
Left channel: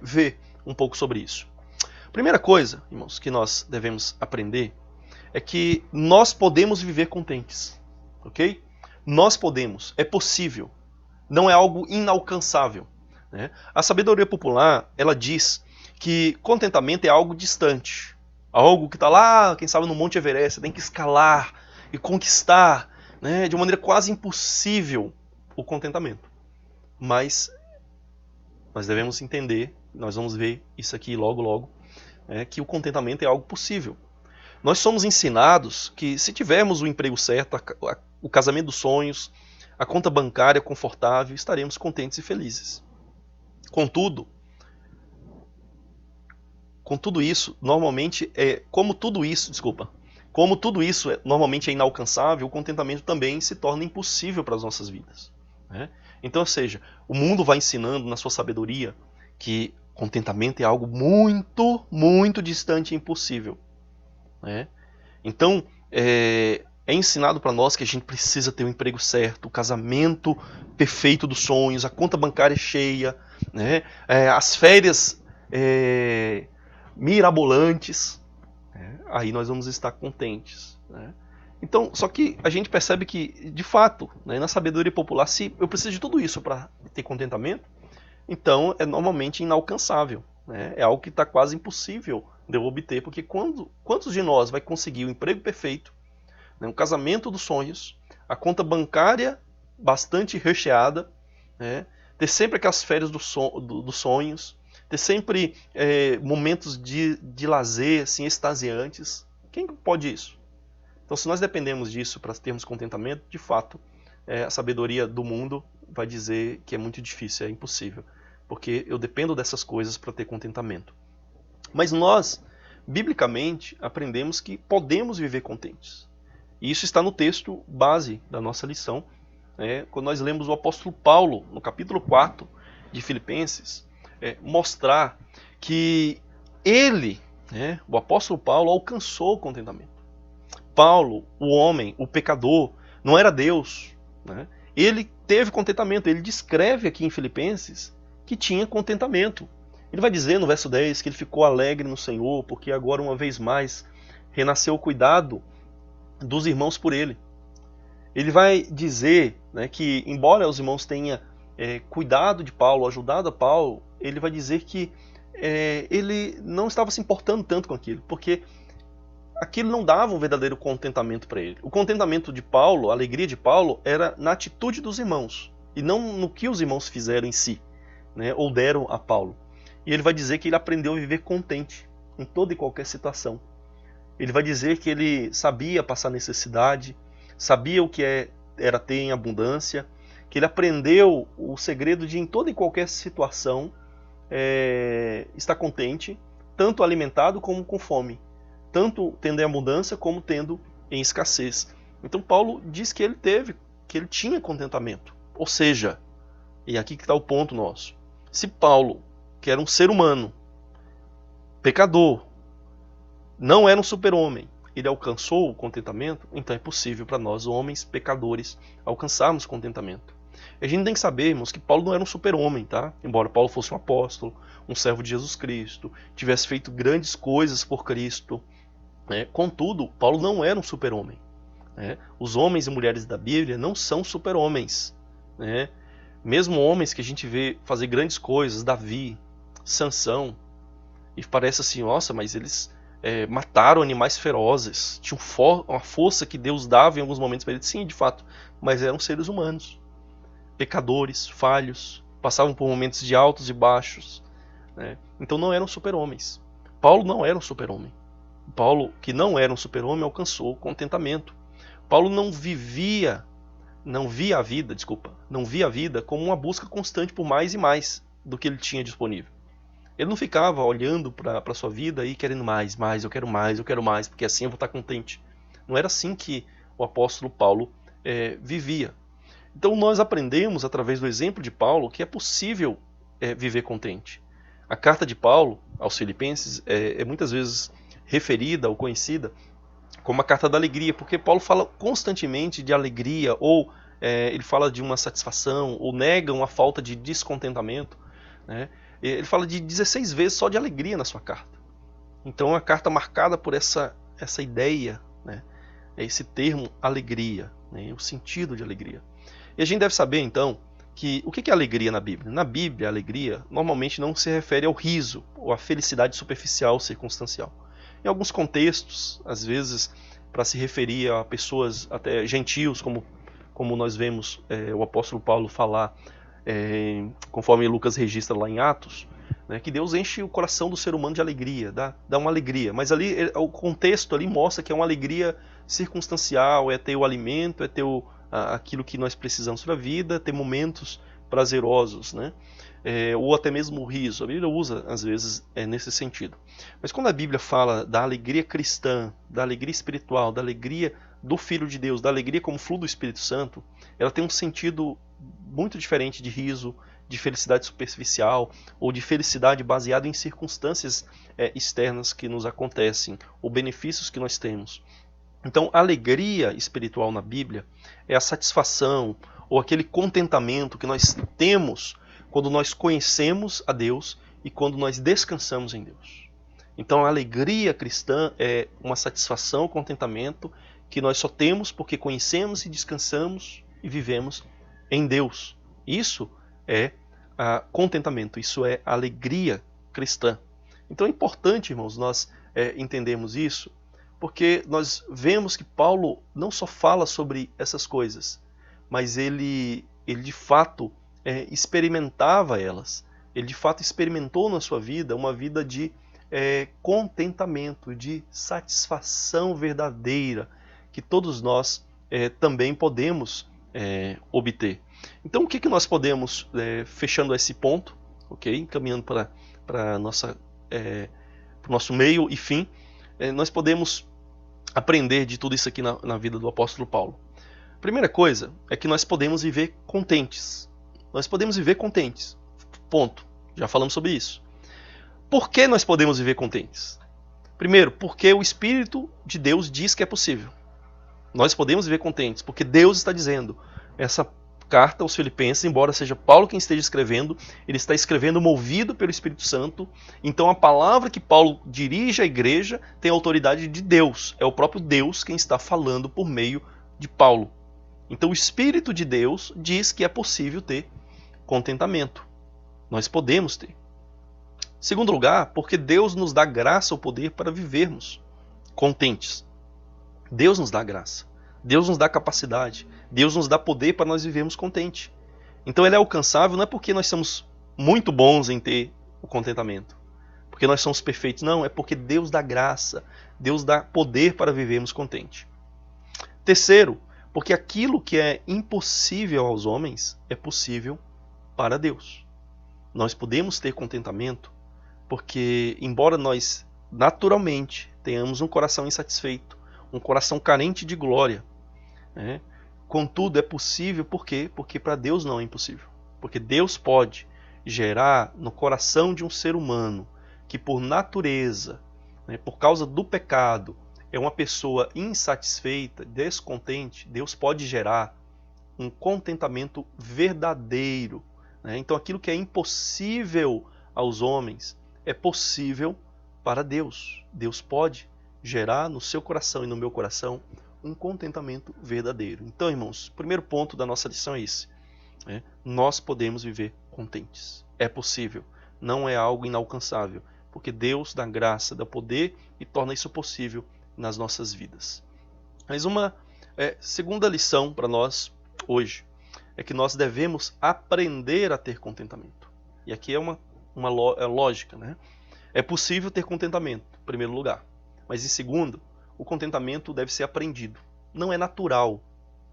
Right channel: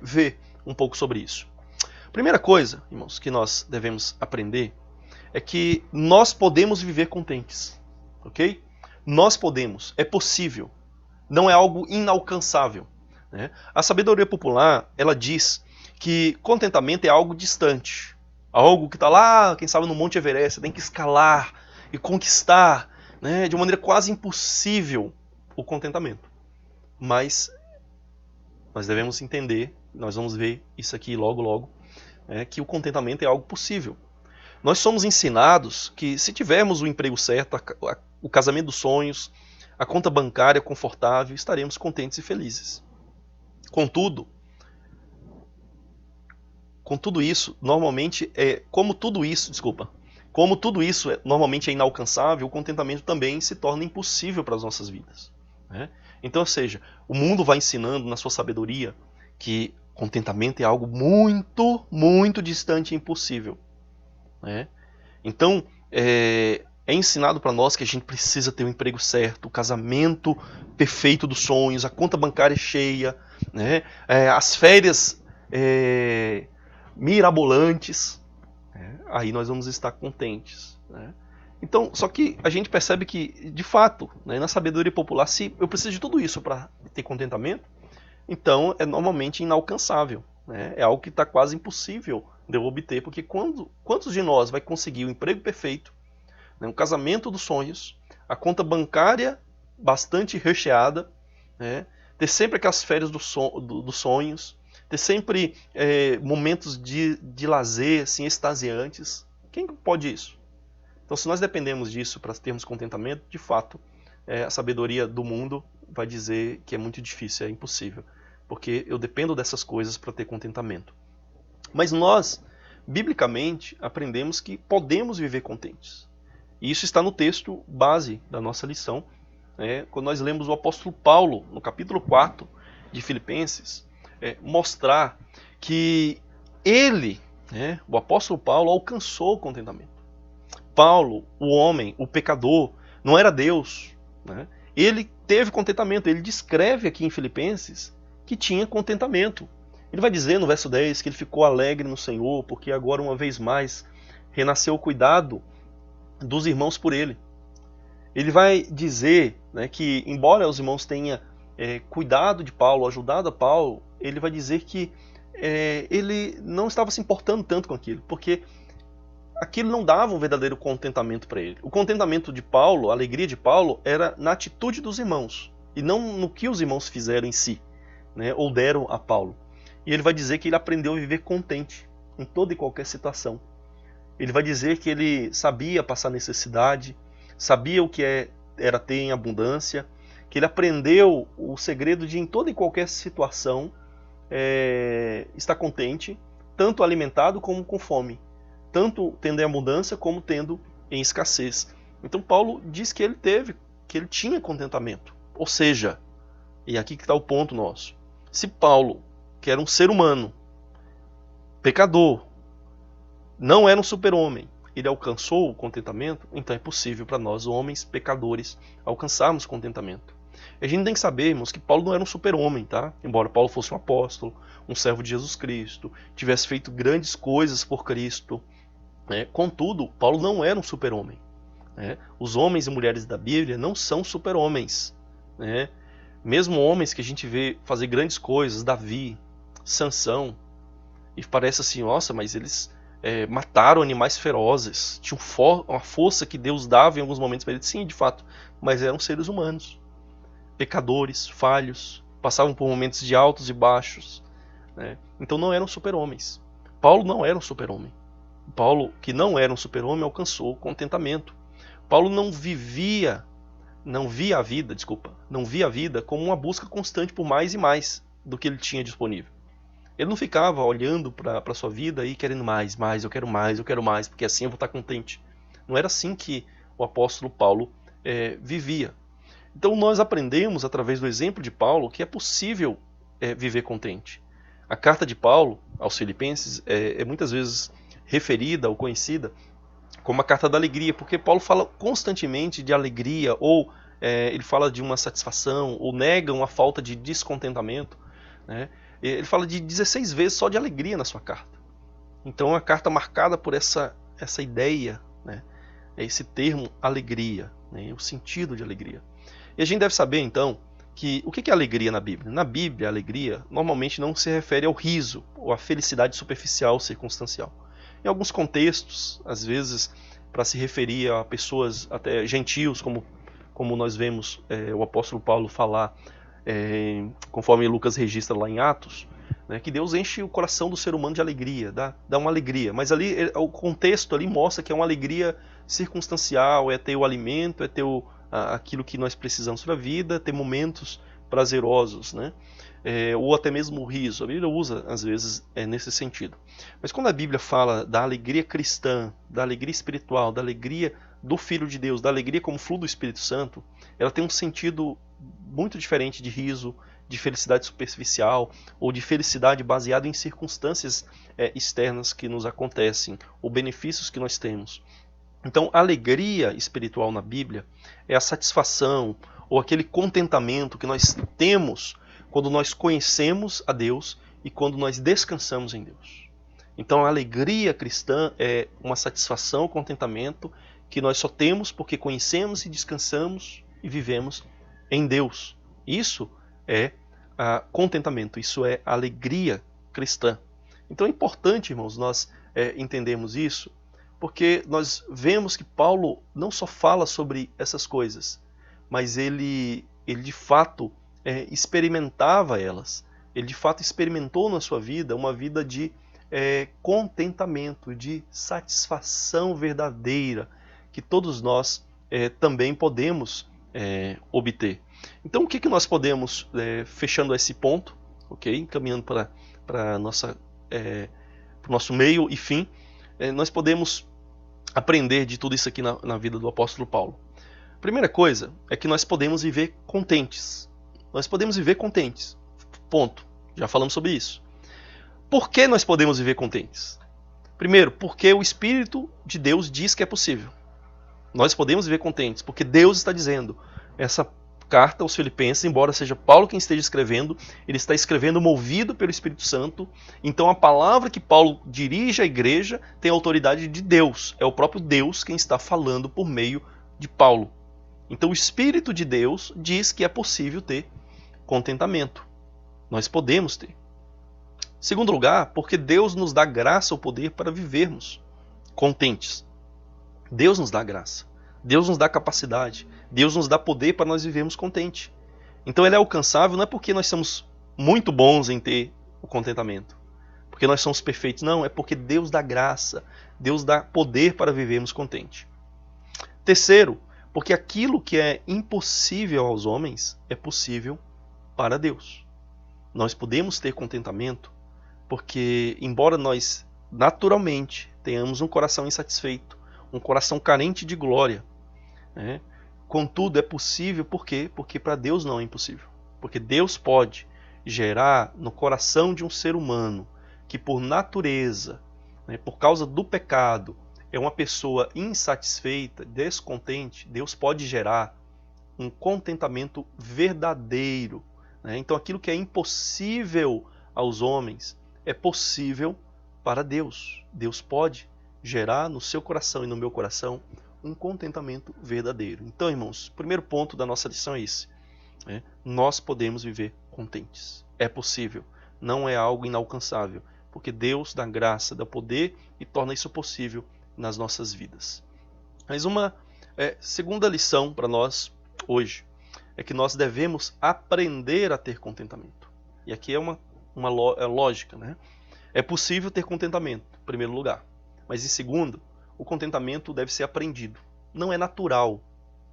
ver um pouco sobre isso. Primeira coisa, irmãos, que nós devemos aprender é que nós podemos viver contentes, ok? Nós podemos, é possível, não é algo inalcançável. Né? A sabedoria popular, ela diz que contentamento é algo distante, algo que está lá, quem sabe no Monte Everest, você tem que escalar e conquistar, né, de uma maneira quase impossível o contentamento. Mas nós devemos entender, nós vamos ver isso aqui logo logo, que o contentamento é algo possível. Nós somos ensinados que se tivermos o emprego certo, o casamento dos sonhos, a conta bancária confortável, estaremos contentes e felizes. Contudo isso, normalmente como tudo isso normalmente é inalcançável, o contentamento também se torna impossível para as nossas vidas. Né? Então, ou seja, o mundo vai ensinando na sua sabedoria que contentamento é algo muito, muito distante e impossível. Né? Então, é ensinado para nós que a gente precisa ter um emprego certo, o casamento perfeito dos sonhos, a conta bancária cheia, né? As férias mirabolantes, né? Aí nós vamos estar contentes. Né? Então, só que a gente percebe que, de fato, né, na sabedoria popular, se eu preciso de tudo isso para ter contentamento, então é normalmente inalcançável. Né? É algo que está quase impossível de eu obter, porque quantos de nós vai conseguir o emprego perfeito, né, um casamento dos sonhos, a conta bancária bastante recheada, né, ter sempre aquelas férias dos sonhos, ter sempre momentos de lazer assim, extasiantes. Quem pode isso? Então, se nós dependemos disso para termos contentamento, de fato, a sabedoria do mundo vai dizer que é muito difícil, é impossível, porque eu dependo dessas coisas para ter contentamento. Mas nós, biblicamente, aprendemos que podemos viver contentes. E isso está no texto base da nossa lição, né? Quando nós lemos o apóstolo Paulo, no capítulo 4 de Filipenses, mostrar que ele, né, o apóstolo Paulo, alcançou o contentamento. Paulo, o homem, o pecador, não era Deus. Né? Ele teve contentamento. Ele descreve aqui em Filipenses que tinha contentamento. Ele vai dizer no verso 10 que ele ficou alegre no Senhor, porque agora uma vez mais renasceu o cuidado dos irmãos por ele. Ele vai dizer, né, que embora os irmãos tenham cuidado de Paulo, ajudado a Paulo, ele vai dizer que ele não estava se importando tanto com aquilo, porque aquilo não dava um verdadeiro contentamento para ele. O contentamento de Paulo, a alegria de Paulo, era na atitude dos irmãos, e não no que os irmãos fizeram em si, né, ou deram a Paulo. E ele vai dizer que ele aprendeu a viver contente em toda e qualquer situação. Ele vai dizer que ele sabia passar necessidade, sabia o que era ter em abundância, que ele aprendeu o segredo de, em toda e qualquer situação, estar contente, tanto alimentado como com fome, tanto tendo em abundância como tendo em escassez. Então Paulo diz que ele tinha contentamento. Ou seja, e aqui que está o ponto nosso, se Paulo, que era um ser humano, pecador, não era um super-homem, ele alcançou o contentamento, então é possível para nós, homens pecadores, alcançarmos contentamento. A gente tem que saber, irmãos, que Paulo não era um super-homem, tá? Embora Paulo fosse um apóstolo, um servo de Jesus Cristo, tivesse feito grandes coisas por Cristo, né? Contudo, Paulo não era um super-homem, né? Os homens e mulheres da Bíblia não são super-homens, né? Mesmo homens que a gente vê fazer grandes coisas, Davi, Sansão, e parece assim, nossa, mas eles mataram animais ferozes, tinham uma força que Deus dava em alguns momentos para eles, sim, de fato, mas eram seres humanos, pecadores, falhos, passavam por momentos de altos e baixos, né? Então não eram super-homens. Paulo não era um super-homem. Paulo, que não era um super-homem, alcançou o contentamento. Paulo não via a vida como uma busca constante por mais e mais do que ele tinha disponível. Ele não ficava olhando para a sua vida e querendo mais, eu quero mais, porque assim eu vou estar contente. Não era assim que o apóstolo Paulo vivia. Então nós aprendemos, através do exemplo de Paulo, que é possível viver contente. A carta de Paulo aos Filipenses é muitas vezes referida ou conhecida como a carta da alegria, porque Paulo fala constantemente de alegria, ou ele fala de uma satisfação, ou nega uma falta de descontentamento, né? Ele fala de 16 vezes só de alegria na sua carta. Então é uma carta marcada por essa ideia, né? Esse termo alegria, né? O sentido de alegria. E a gente deve saber então que o que é alegria na Bíblia? Na Bíblia, a alegria normalmente não se refere ao riso ou à felicidade superficial, circunstancial. Em alguns contextos, às vezes, para se referir a pessoas até gentios, como nós vemos o apóstolo Paulo falar, conforme Lucas registra lá em Atos, né, que Deus enche o coração do ser humano de alegria, dá uma alegria. Mas ali o contexto ali mostra que é uma alegria circunstancial, é ter o alimento, é ter aquilo que nós precisamos para a vida, ter momentos prazerosos, né? Ou até mesmo o riso. A Bíblia usa, às vezes, nesse sentido. Mas quando a Bíblia fala da alegria cristã, da alegria espiritual, da alegria do Filho de Deus, da alegria como fruto do Espírito Santo, ela tem um sentido muito diferente de riso, de felicidade superficial, ou de felicidade baseada em circunstâncias externas que nos acontecem, ou benefícios que nós temos. Então, a alegria espiritual na Bíblia é a satisfação, ou aquele contentamento que nós temos quando nós conhecemos a Deus e quando nós descansamos em Deus. Então a alegria cristã é uma satisfação, contentamento que nós só temos porque conhecemos e descansamos e vivemos em Deus. Isso é contentamento, isso é alegria cristã. Então é importante, irmãos, nós entendermos isso, porque nós vemos que Paulo não só fala sobre essas coisas, mas ele de fato experimentava elas. Ele de fato experimentou na sua vida uma vida de contentamento, de satisfação verdadeira, que todos nós também podemos obter. Então o que nós podemos, fechando esse ponto, okay? Caminhando para o nosso meio e fim, nós podemos aprender de tudo isso aqui na vida do apóstolo Paulo. A primeira coisa é que nós podemos viver contentes. Nós podemos viver contentes. Ponto. Já falamos sobre isso. Por que nós podemos viver contentes? Primeiro, porque o Espírito de Deus diz que é possível. Nós podemos viver contentes, porque Deus está dizendo. Essa carta aos Filipenses, embora seja Paulo quem esteja escrevendo, ele está escrevendo movido pelo Espírito Santo. Então a palavra que Paulo dirige à igreja tem a autoridade de Deus. É o próprio Deus quem está falando por meio de Paulo. Então o Espírito de Deus diz que é possível ter contentamento. Nós podemos ter. Segundo lugar, porque Deus nos dá graça ou poder para vivermos contentes. Deus nos dá graça. Deus nos dá capacidade. Deus nos dá poder para nós vivermos contentes. Então ele é alcançável não é porque nós somos muito bons em ter o contentamento, porque nós somos perfeitos. Não, é porque Deus dá graça. Deus dá poder para vivermos contentes. Terceiro, porque aquilo que é impossível aos homens é possível para Deus. Nós podemos ter contentamento porque, embora nós naturalmente tenhamos um coração insatisfeito, um coração carente de glória, né? Contudo, é possível, por quê? Porque para Deus não é impossível. Porque Deus pode gerar no coração de um ser humano que, por natureza, né, por causa do pecado, é uma pessoa insatisfeita, descontente. Deus pode gerar um contentamento verdadeiro, né? Então, aquilo que é impossível aos homens é possível para Deus. Deus pode gerar no seu coração e no meu coração um contentamento verdadeiro. Então, irmãos, o primeiro ponto da nossa lição é esse, né? Nós podemos viver contentes. É possível. Não é algo inalcançável. Porque Deus dá graça, dá poder e torna isso possível nas nossas vidas. Mas uma segunda lição para nós hoje é que nós devemos aprender a ter contentamento. E aqui é uma lógica, né? É possível ter contentamento, em primeiro lugar. Mas em segundo, o contentamento deve ser aprendido. Não é natural.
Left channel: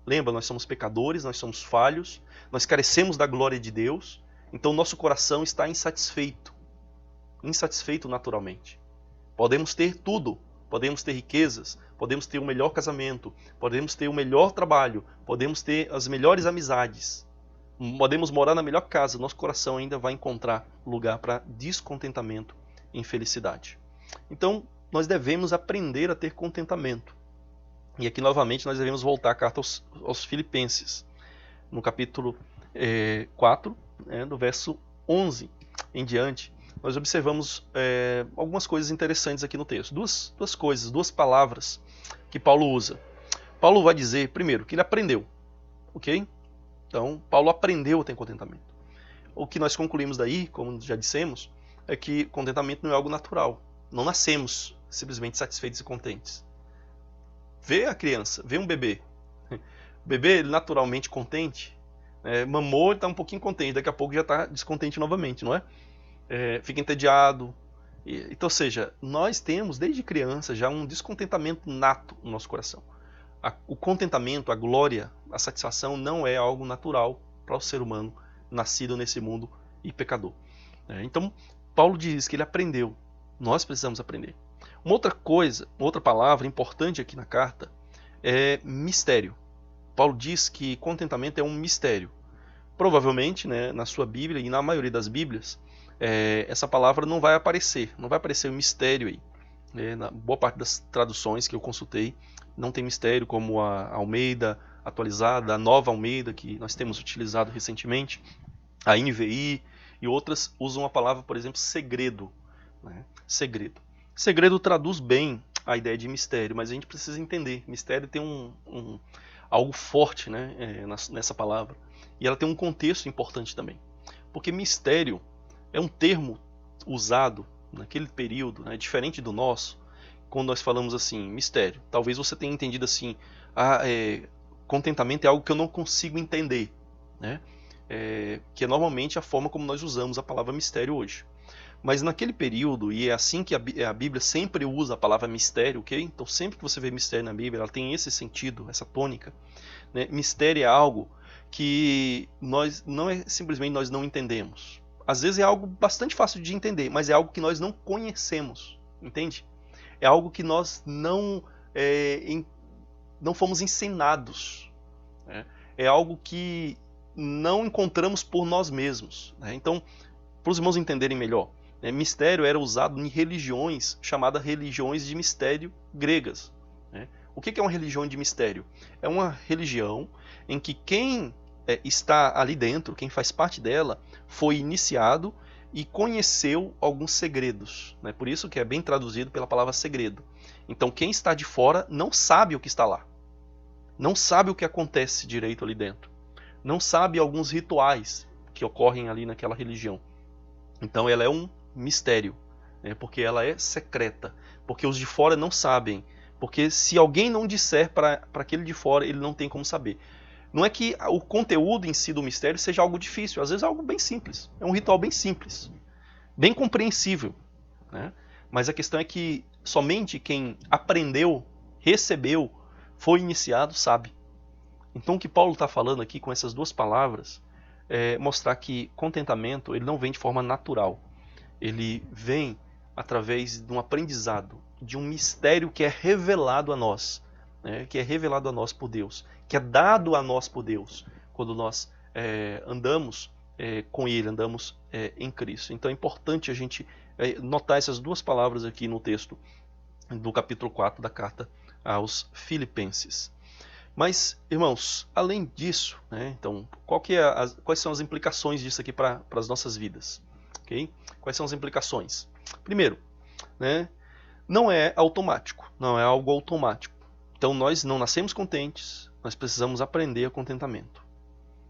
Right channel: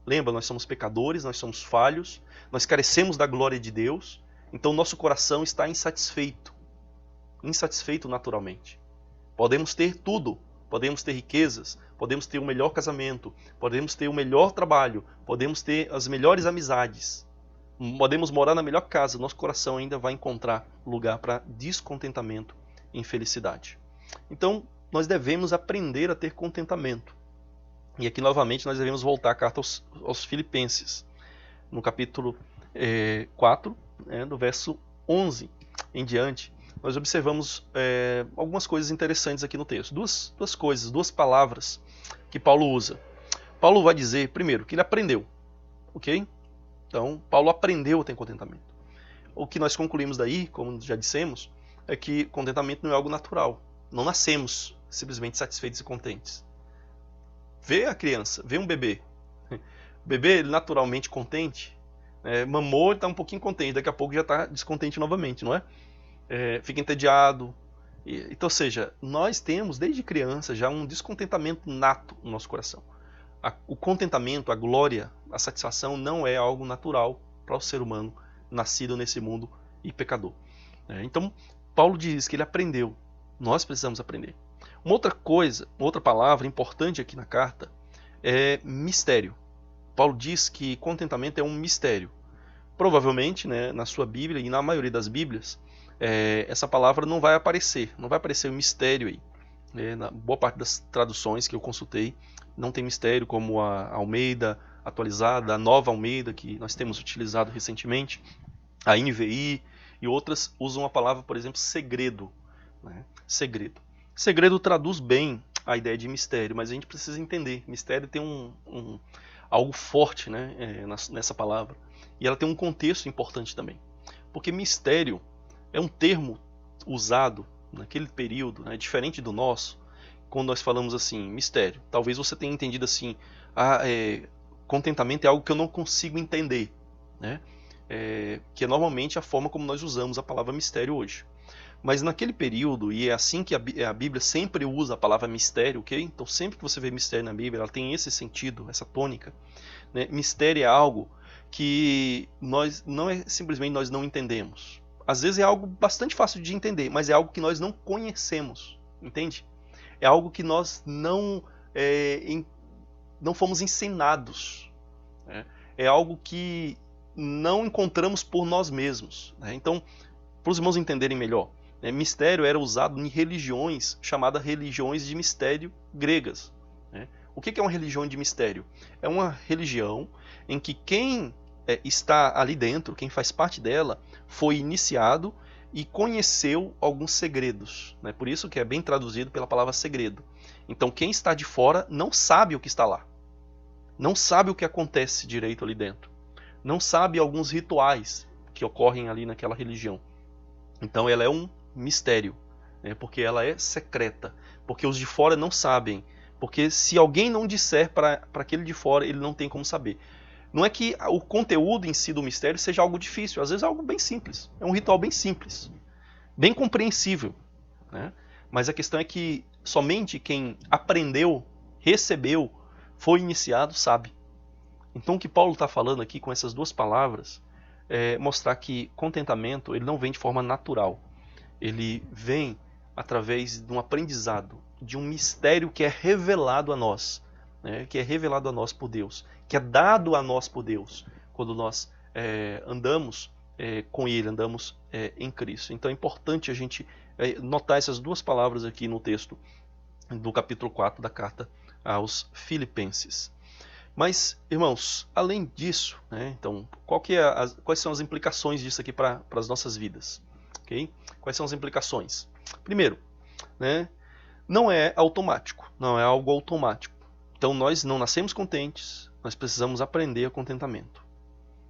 Lembra, nós somos pecadores, nós somos falhos, nós carecemos da glória de Deus, então nosso coração está insatisfeito. Insatisfeito naturalmente. Podemos ter tudo, podemos ter riquezas, podemos ter o melhor casamento, podemos ter o melhor trabalho, podemos ter as melhores amizades, podemos morar na melhor casa, nosso coração ainda vai encontrar lugar para descontentamento e infelicidade. Então, nós devemos aprender a ter contentamento. E aqui, novamente, nós devemos voltar à carta aos Filipenses, no capítulo 4, do verso 11 em diante. Nós observamos algumas coisas interessantes aqui no texto. Duas coisas, duas palavras que Paulo usa. Paulo vai dizer, primeiro, que ele aprendeu. Ok? Então, Paulo aprendeu a ter contentamento. O que nós concluímos daí, como já dissemos, é que contentamento não é algo natural. Não nascemos simplesmente satisfeitos e contentes. Vê a criança, vê um bebê. O bebê, ele naturalmente contente, mamou, ele está um pouquinho contente, daqui a pouco já está descontente novamente, não é? Fica entediado. Então, ou seja, nós temos desde criança já um descontentamento nato no nosso coração. O contentamento, a glória, a satisfação não é algo natural para o ser humano nascido nesse mundo e pecador. Então, Paulo diz que ele aprendeu. Nós precisamos aprender. Uma outra coisa, uma outra palavra importante aqui na carta é mistério. Paulo diz que contentamento é um mistério. Provavelmente na sua Bíblia e na maioria das Bíblias, essa palavra não vai aparecer um mistério aí. Na boa parte das traduções que eu consultei, não tem mistério, como a Almeida, atualizada, a nova Almeida, que nós temos utilizado recentemente, a NVI e outras, usam uma palavra, por exemplo, segredo. Segredo. Segredo traduz bem a ideia de mistério, mas a gente precisa entender. Mistério tem algo forte nessa palavra. E ela tem um contexto importante também. Porque mistério é um termo usado naquele período, diferente do nosso. Quando nós falamos assim, mistério, talvez você tenha entendido assim, contentamento é algo que eu não consigo entender, né? Que é normalmente a forma como nós usamos a palavra mistério hoje. Mas naquele período, e é assim que a Bíblia sempre usa a palavra mistério, ok? Então sempre que você vê mistério na Bíblia, ela tem esse sentido, essa tônica, né? Mistério é algo que simplesmente nós não entendemos. Às vezes é algo bastante fácil de entender, mas é algo que nós não conhecemos, entende? É algo que nós não fomos ensinados, né? É algo que não encontramos por nós mesmos, né? Então, para os irmãos entenderem melhor, mistério era usado em religiões chamadas religiões de mistério gregas, né? O que é uma religião de mistério? É uma religião em que quem está ali dentro, quem faz parte dela, foi iniciado e conheceu alguns segredos, né? Por isso que é bem traduzido pela palavra segredo. Então quem está de fora não sabe o que está lá, não sabe o que acontece direito ali dentro, não sabe alguns rituais que ocorrem ali naquela religião. Então ela é um mistério, né? Porque ela é secreta, porque os de fora não sabem, porque se alguém não disser para aquele de fora, ele não tem como saber. Não é que o conteúdo em si do mistério seja algo difícil, às vezes é algo bem simples, é um ritual bem simples, bem compreensível, né? Mas a questão é que somente quem aprendeu, recebeu, foi iniciado, sabe. Então o que Paulo está falando aqui com essas duas palavras é mostrar que contentamento ele não vem de forma natural. Ele vem através de um aprendizado, de um mistério que é revelado a nós, né? Que é revelado a nós por Deus, que é dado a nós por Deus, quando nós andamos com Ele, andamos em Cristo. Então é importante a gente notar essas duas palavras aqui no texto do capítulo 4 da carta aos Filipenses. Mas, irmãos, além disso, né, então, quais são as implicações disso aqui para as nossas vidas? Okay? Quais são as implicações? Primeiro, né, não é automático, não é algo automático. Então nós não nascemos contentes, nós precisamos aprender a contentamento.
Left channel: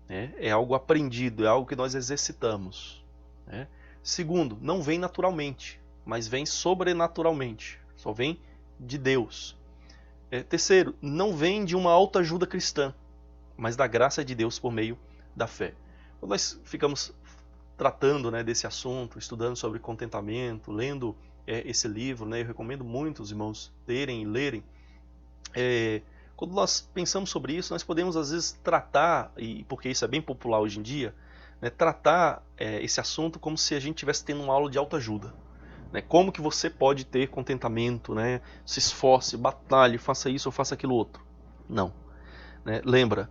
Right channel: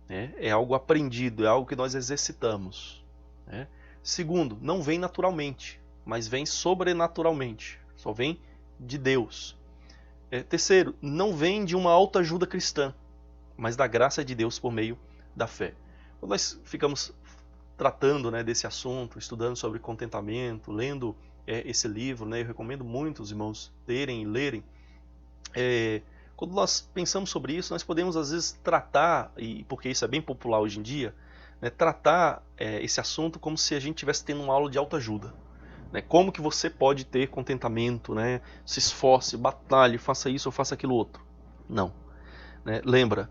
Né? É algo aprendido, é algo que nós exercitamos. Né? Segundo, não vem naturalmente, mas vem sobrenaturalmente, só vem de Deus. Terceiro, não vem de uma autoajuda cristã, mas da graça de Deus por meio da fé. Quando nós ficamos tratando, né, desse assunto, estudando sobre contentamento, lendo esse livro, né, eu recomendo muito os irmãos terem e lerem. Quando nós pensamos sobre isso, nós podemos às vezes tratar, e porque isso é bem popular hoje em dia, né, tratar esse assunto como se a gente estivesse tendo uma aula de autoajuda. Né? Como que você pode ter contentamento, né? Se esforce, batalhe, faça isso ou faça aquilo outro. Não. Né? Lembra,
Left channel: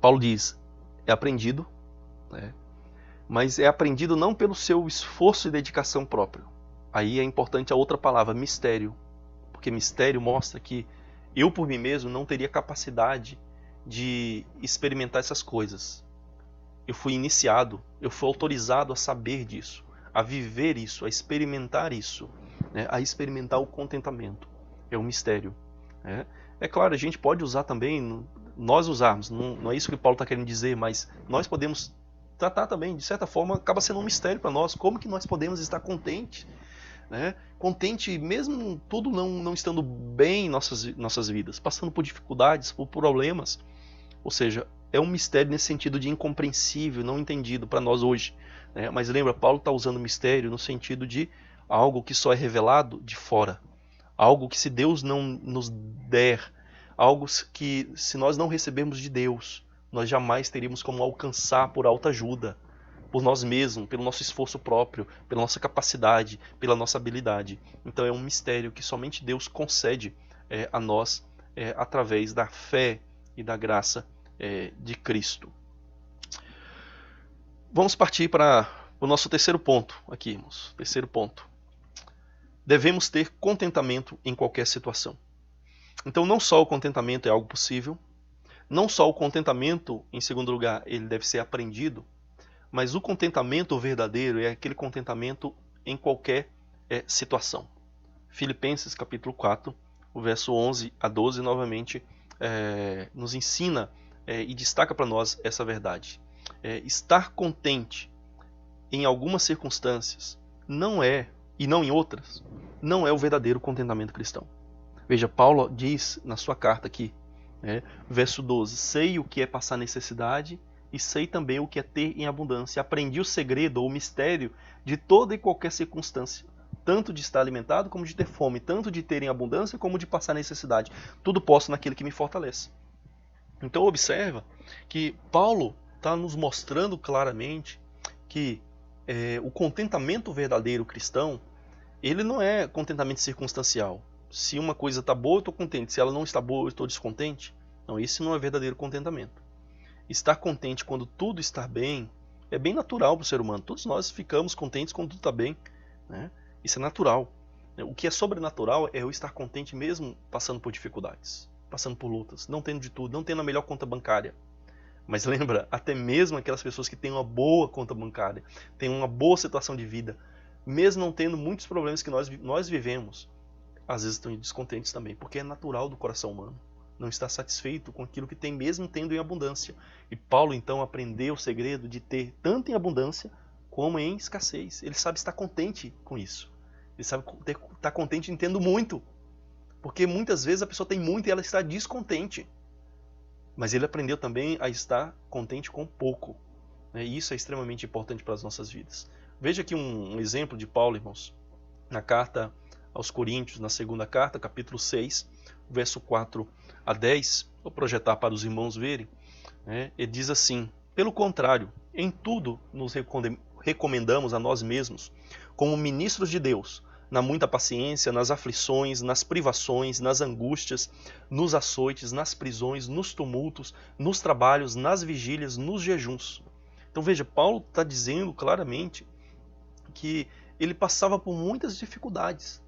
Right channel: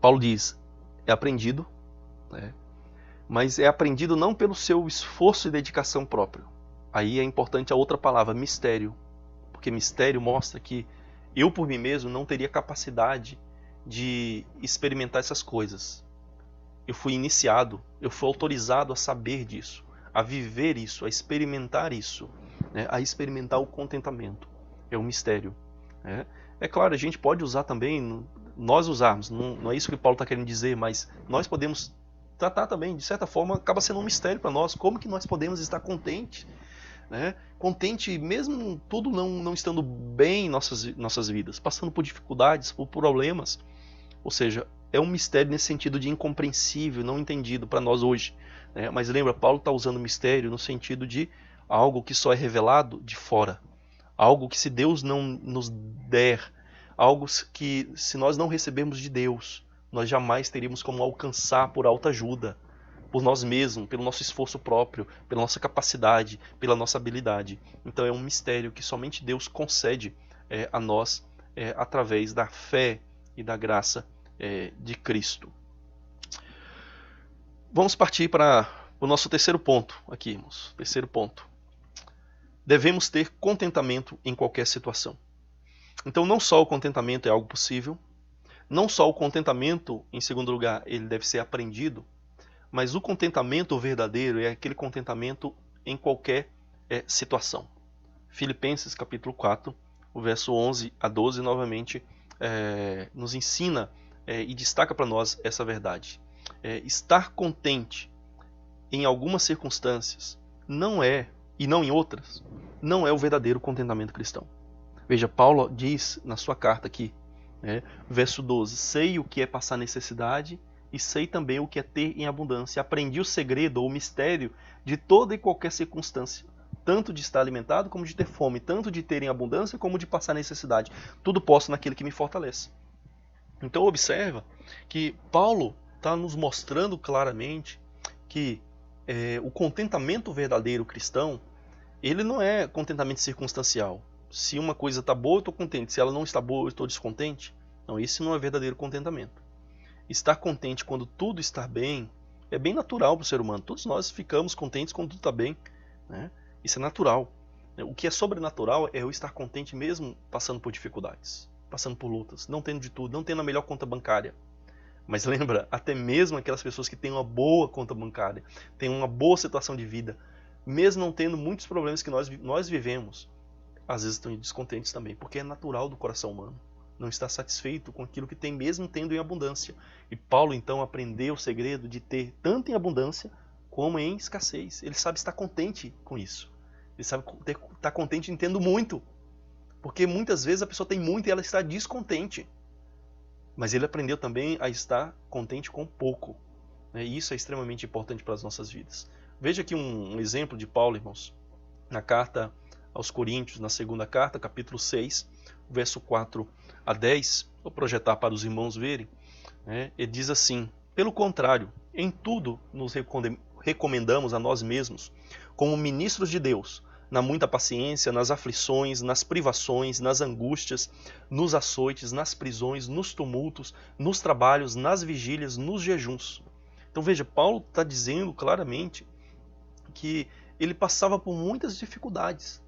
Paulo diz, é aprendido, né? Mas é aprendido não pelo seu esforço e dedicação próprio. Aí é importante a outra palavra, mistério. Porque mistério mostra que eu por mim mesmo não teria capacidade de experimentar essas coisas. Eu fui iniciado, eu fui autorizado a saber disso, a viver isso, a experimentar isso, né? A experimentar o contentamento. É um mistério. Né? É claro, a gente pode usar também, nós usarmos, não é isso que Paulo está querendo dizer, mas nós podemos tratar também, de certa forma, acaba sendo um mistério para nós. Como que nós podemos estar contentes? Né? Contente mesmo tudo não estando bem em nossas vidas, passando por dificuldades, por problemas. Ou seja, é um mistério nesse sentido de incompreensível, não entendido para nós hoje. Né? Mas lembra, Paulo está usando mistério no sentido de algo que só é revelado de fora. Algo que se Deus não nos der, algo que se nós não recebermos de Deus, nós jamais teríamos como alcançar por autoajuda, por nós mesmos, pelo nosso esforço próprio, pela nossa capacidade, pela nossa habilidade. Então é um mistério que somente Deus concede a nós através da fé e da graça de Cristo. Vamos partir para o nosso terceiro ponto aqui, irmãos. Terceiro ponto. Devemos ter contentamento em qualquer situação. Então não só o contentamento é algo possível, não só o contentamento, em segundo lugar, ele deve ser aprendido, mas o contentamento verdadeiro é aquele contentamento em qualquer situação. Filipenses capítulo 4, o verso 11 a 12, novamente nos ensina e destaca para nós essa verdade. Estar contente em algumas circunstâncias não é, e não em outras, não é o verdadeiro contentamento cristão. Veja, Paulo diz na sua carta aqui, verso 12, sei o que é passar necessidade e sei também o que é ter em abundância. Aprendi o segredo ou o mistério de toda e qualquer circunstância, tanto de estar alimentado como de ter fome, tanto de ter em abundância como de passar necessidade. Tudo posso naquele que me fortalece. Então observa que Paulo está nos mostrando claramente que o contentamento verdadeiro cristão, ele não é contentamento circunstancial. Se uma coisa está boa, eu estou contente. Se ela não está boa, eu estou descontente. Não, esse não é verdadeiro contentamento. Estar contente quando tudo está bem é bem natural para o ser humano. Todos nós ficamos contentes quando tudo está bem. Né? Isso é natural. O que é sobrenatural é eu estar contente mesmo passando por dificuldades, passando por lutas, não tendo de tudo, não tendo a melhor conta bancária. Mas lembra, até mesmo aquelas pessoas que têm uma boa conta bancária, têm uma boa situação de vida, mesmo não tendo muitos problemas que nós vivemos, às vezes estão descontentes também, porque é natural do coração humano. Não está satisfeito com aquilo que tem, mesmo tendo em abundância. E Paulo então aprendeu o segredo de ter tanto em abundância como em escassez. Ele sabe estar contente com isso. Ele sabe estar contente em tendo muito. Porque muitas vezes a pessoa tem muito e ela está descontente. Mas ele aprendeu também a estar contente com pouco. E isso é extremamente importante para as nossas vidas. Veja aqui um exemplo de Paulo, irmãos. Na carta aos Coríntios, na segunda carta, capítulo 6, verso 4 a 10. Vou projetar para os irmãos verem. Ele diz assim: pelo contrário, em tudo nos recomendamos a nós mesmos, como ministros de Deus, na muita paciência, nas aflições, nas privações, nas angústias, nos açoites, nas prisões, nos tumultos, nos trabalhos, nas vigílias, nos jejuns. Então veja, Paulo está dizendo claramente que ele passava por muitas dificuldades.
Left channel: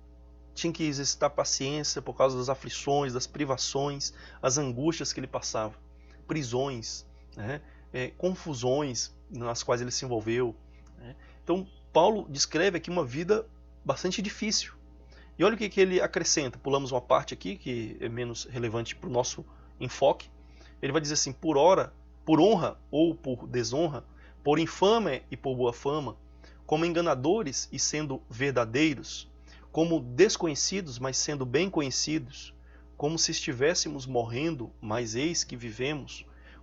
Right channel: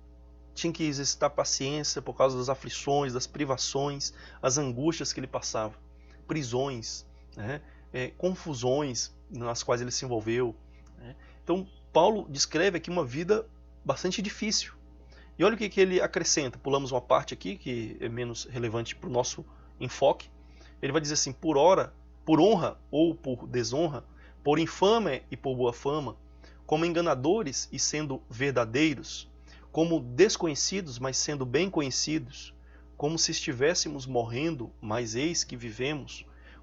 Tinha que exercitar paciência por causa das aflições, das privações, as angústias que ele passava, prisões, confusões nas quais ele se envolveu. Então, Paulo descreve aqui uma vida bastante difícil. E olha o que ele acrescenta. Pulamos uma parte aqui que é menos relevante para o nosso enfoque. Ele vai dizer assim: por honra ou por desonra, por infâmia e por boa fama, como enganadores e sendo verdadeiros, como desconhecidos, mas sendo bem conhecidos, como se estivéssemos morrendo, mas eis que vivemos,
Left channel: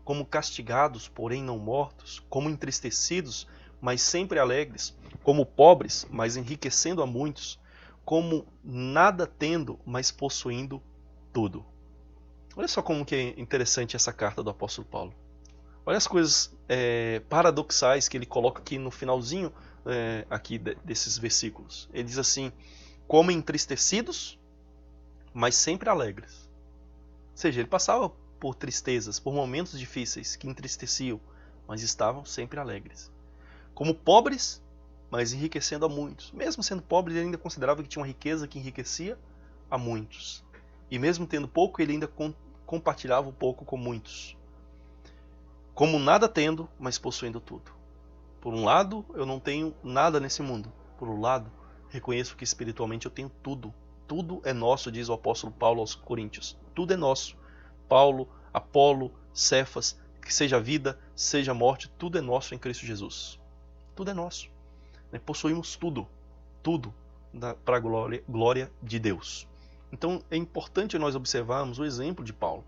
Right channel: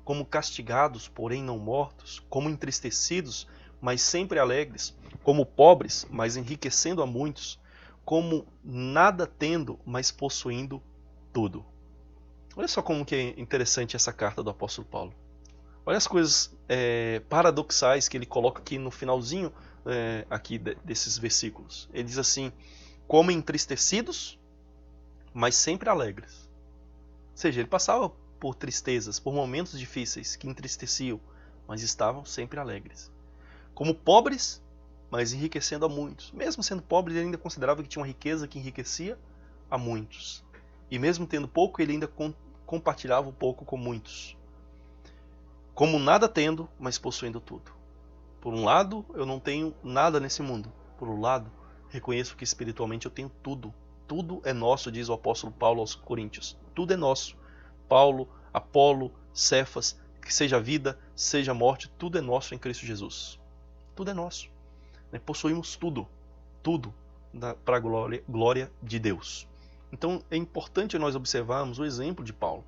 como castigados, porém não mortos, como entristecidos, mas sempre alegres, como pobres, mas enriquecendo a muitos, como nada tendo, mas possuindo tudo. Olha só como que é interessante essa carta do apóstolo Paulo. Olha as coisas paradoxais que ele coloca aqui no finalzinho aqui desses versículos. Ele diz assim: como entristecidos, mas sempre alegres. Ou seja, ele passava por tristezas, por momentos difíceis que entristeciam, mas estavam sempre alegres. Como pobres, mas enriquecendo a muitos. Mesmo sendo pobre, ele ainda considerava que tinha uma riqueza que enriquecia a muitos. E mesmo tendo pouco, ele ainda compartilhava um pouco com muitos. Como nada tendo, mas possuindo tudo. Por um lado, eu não tenho nada nesse mundo. Por um lado, reconheço que espiritualmente eu tenho tudo. Tudo é nosso, diz o apóstolo Paulo aos Coríntios. Tudo é nosso. Paulo, Apolo, Cefas, que seja vida, seja morte, tudo é nosso em Cristo Jesus. Tudo é nosso. Possuímos tudo. Tudo para a glória de Deus. Então é importante nós observarmos o exemplo de Paulo.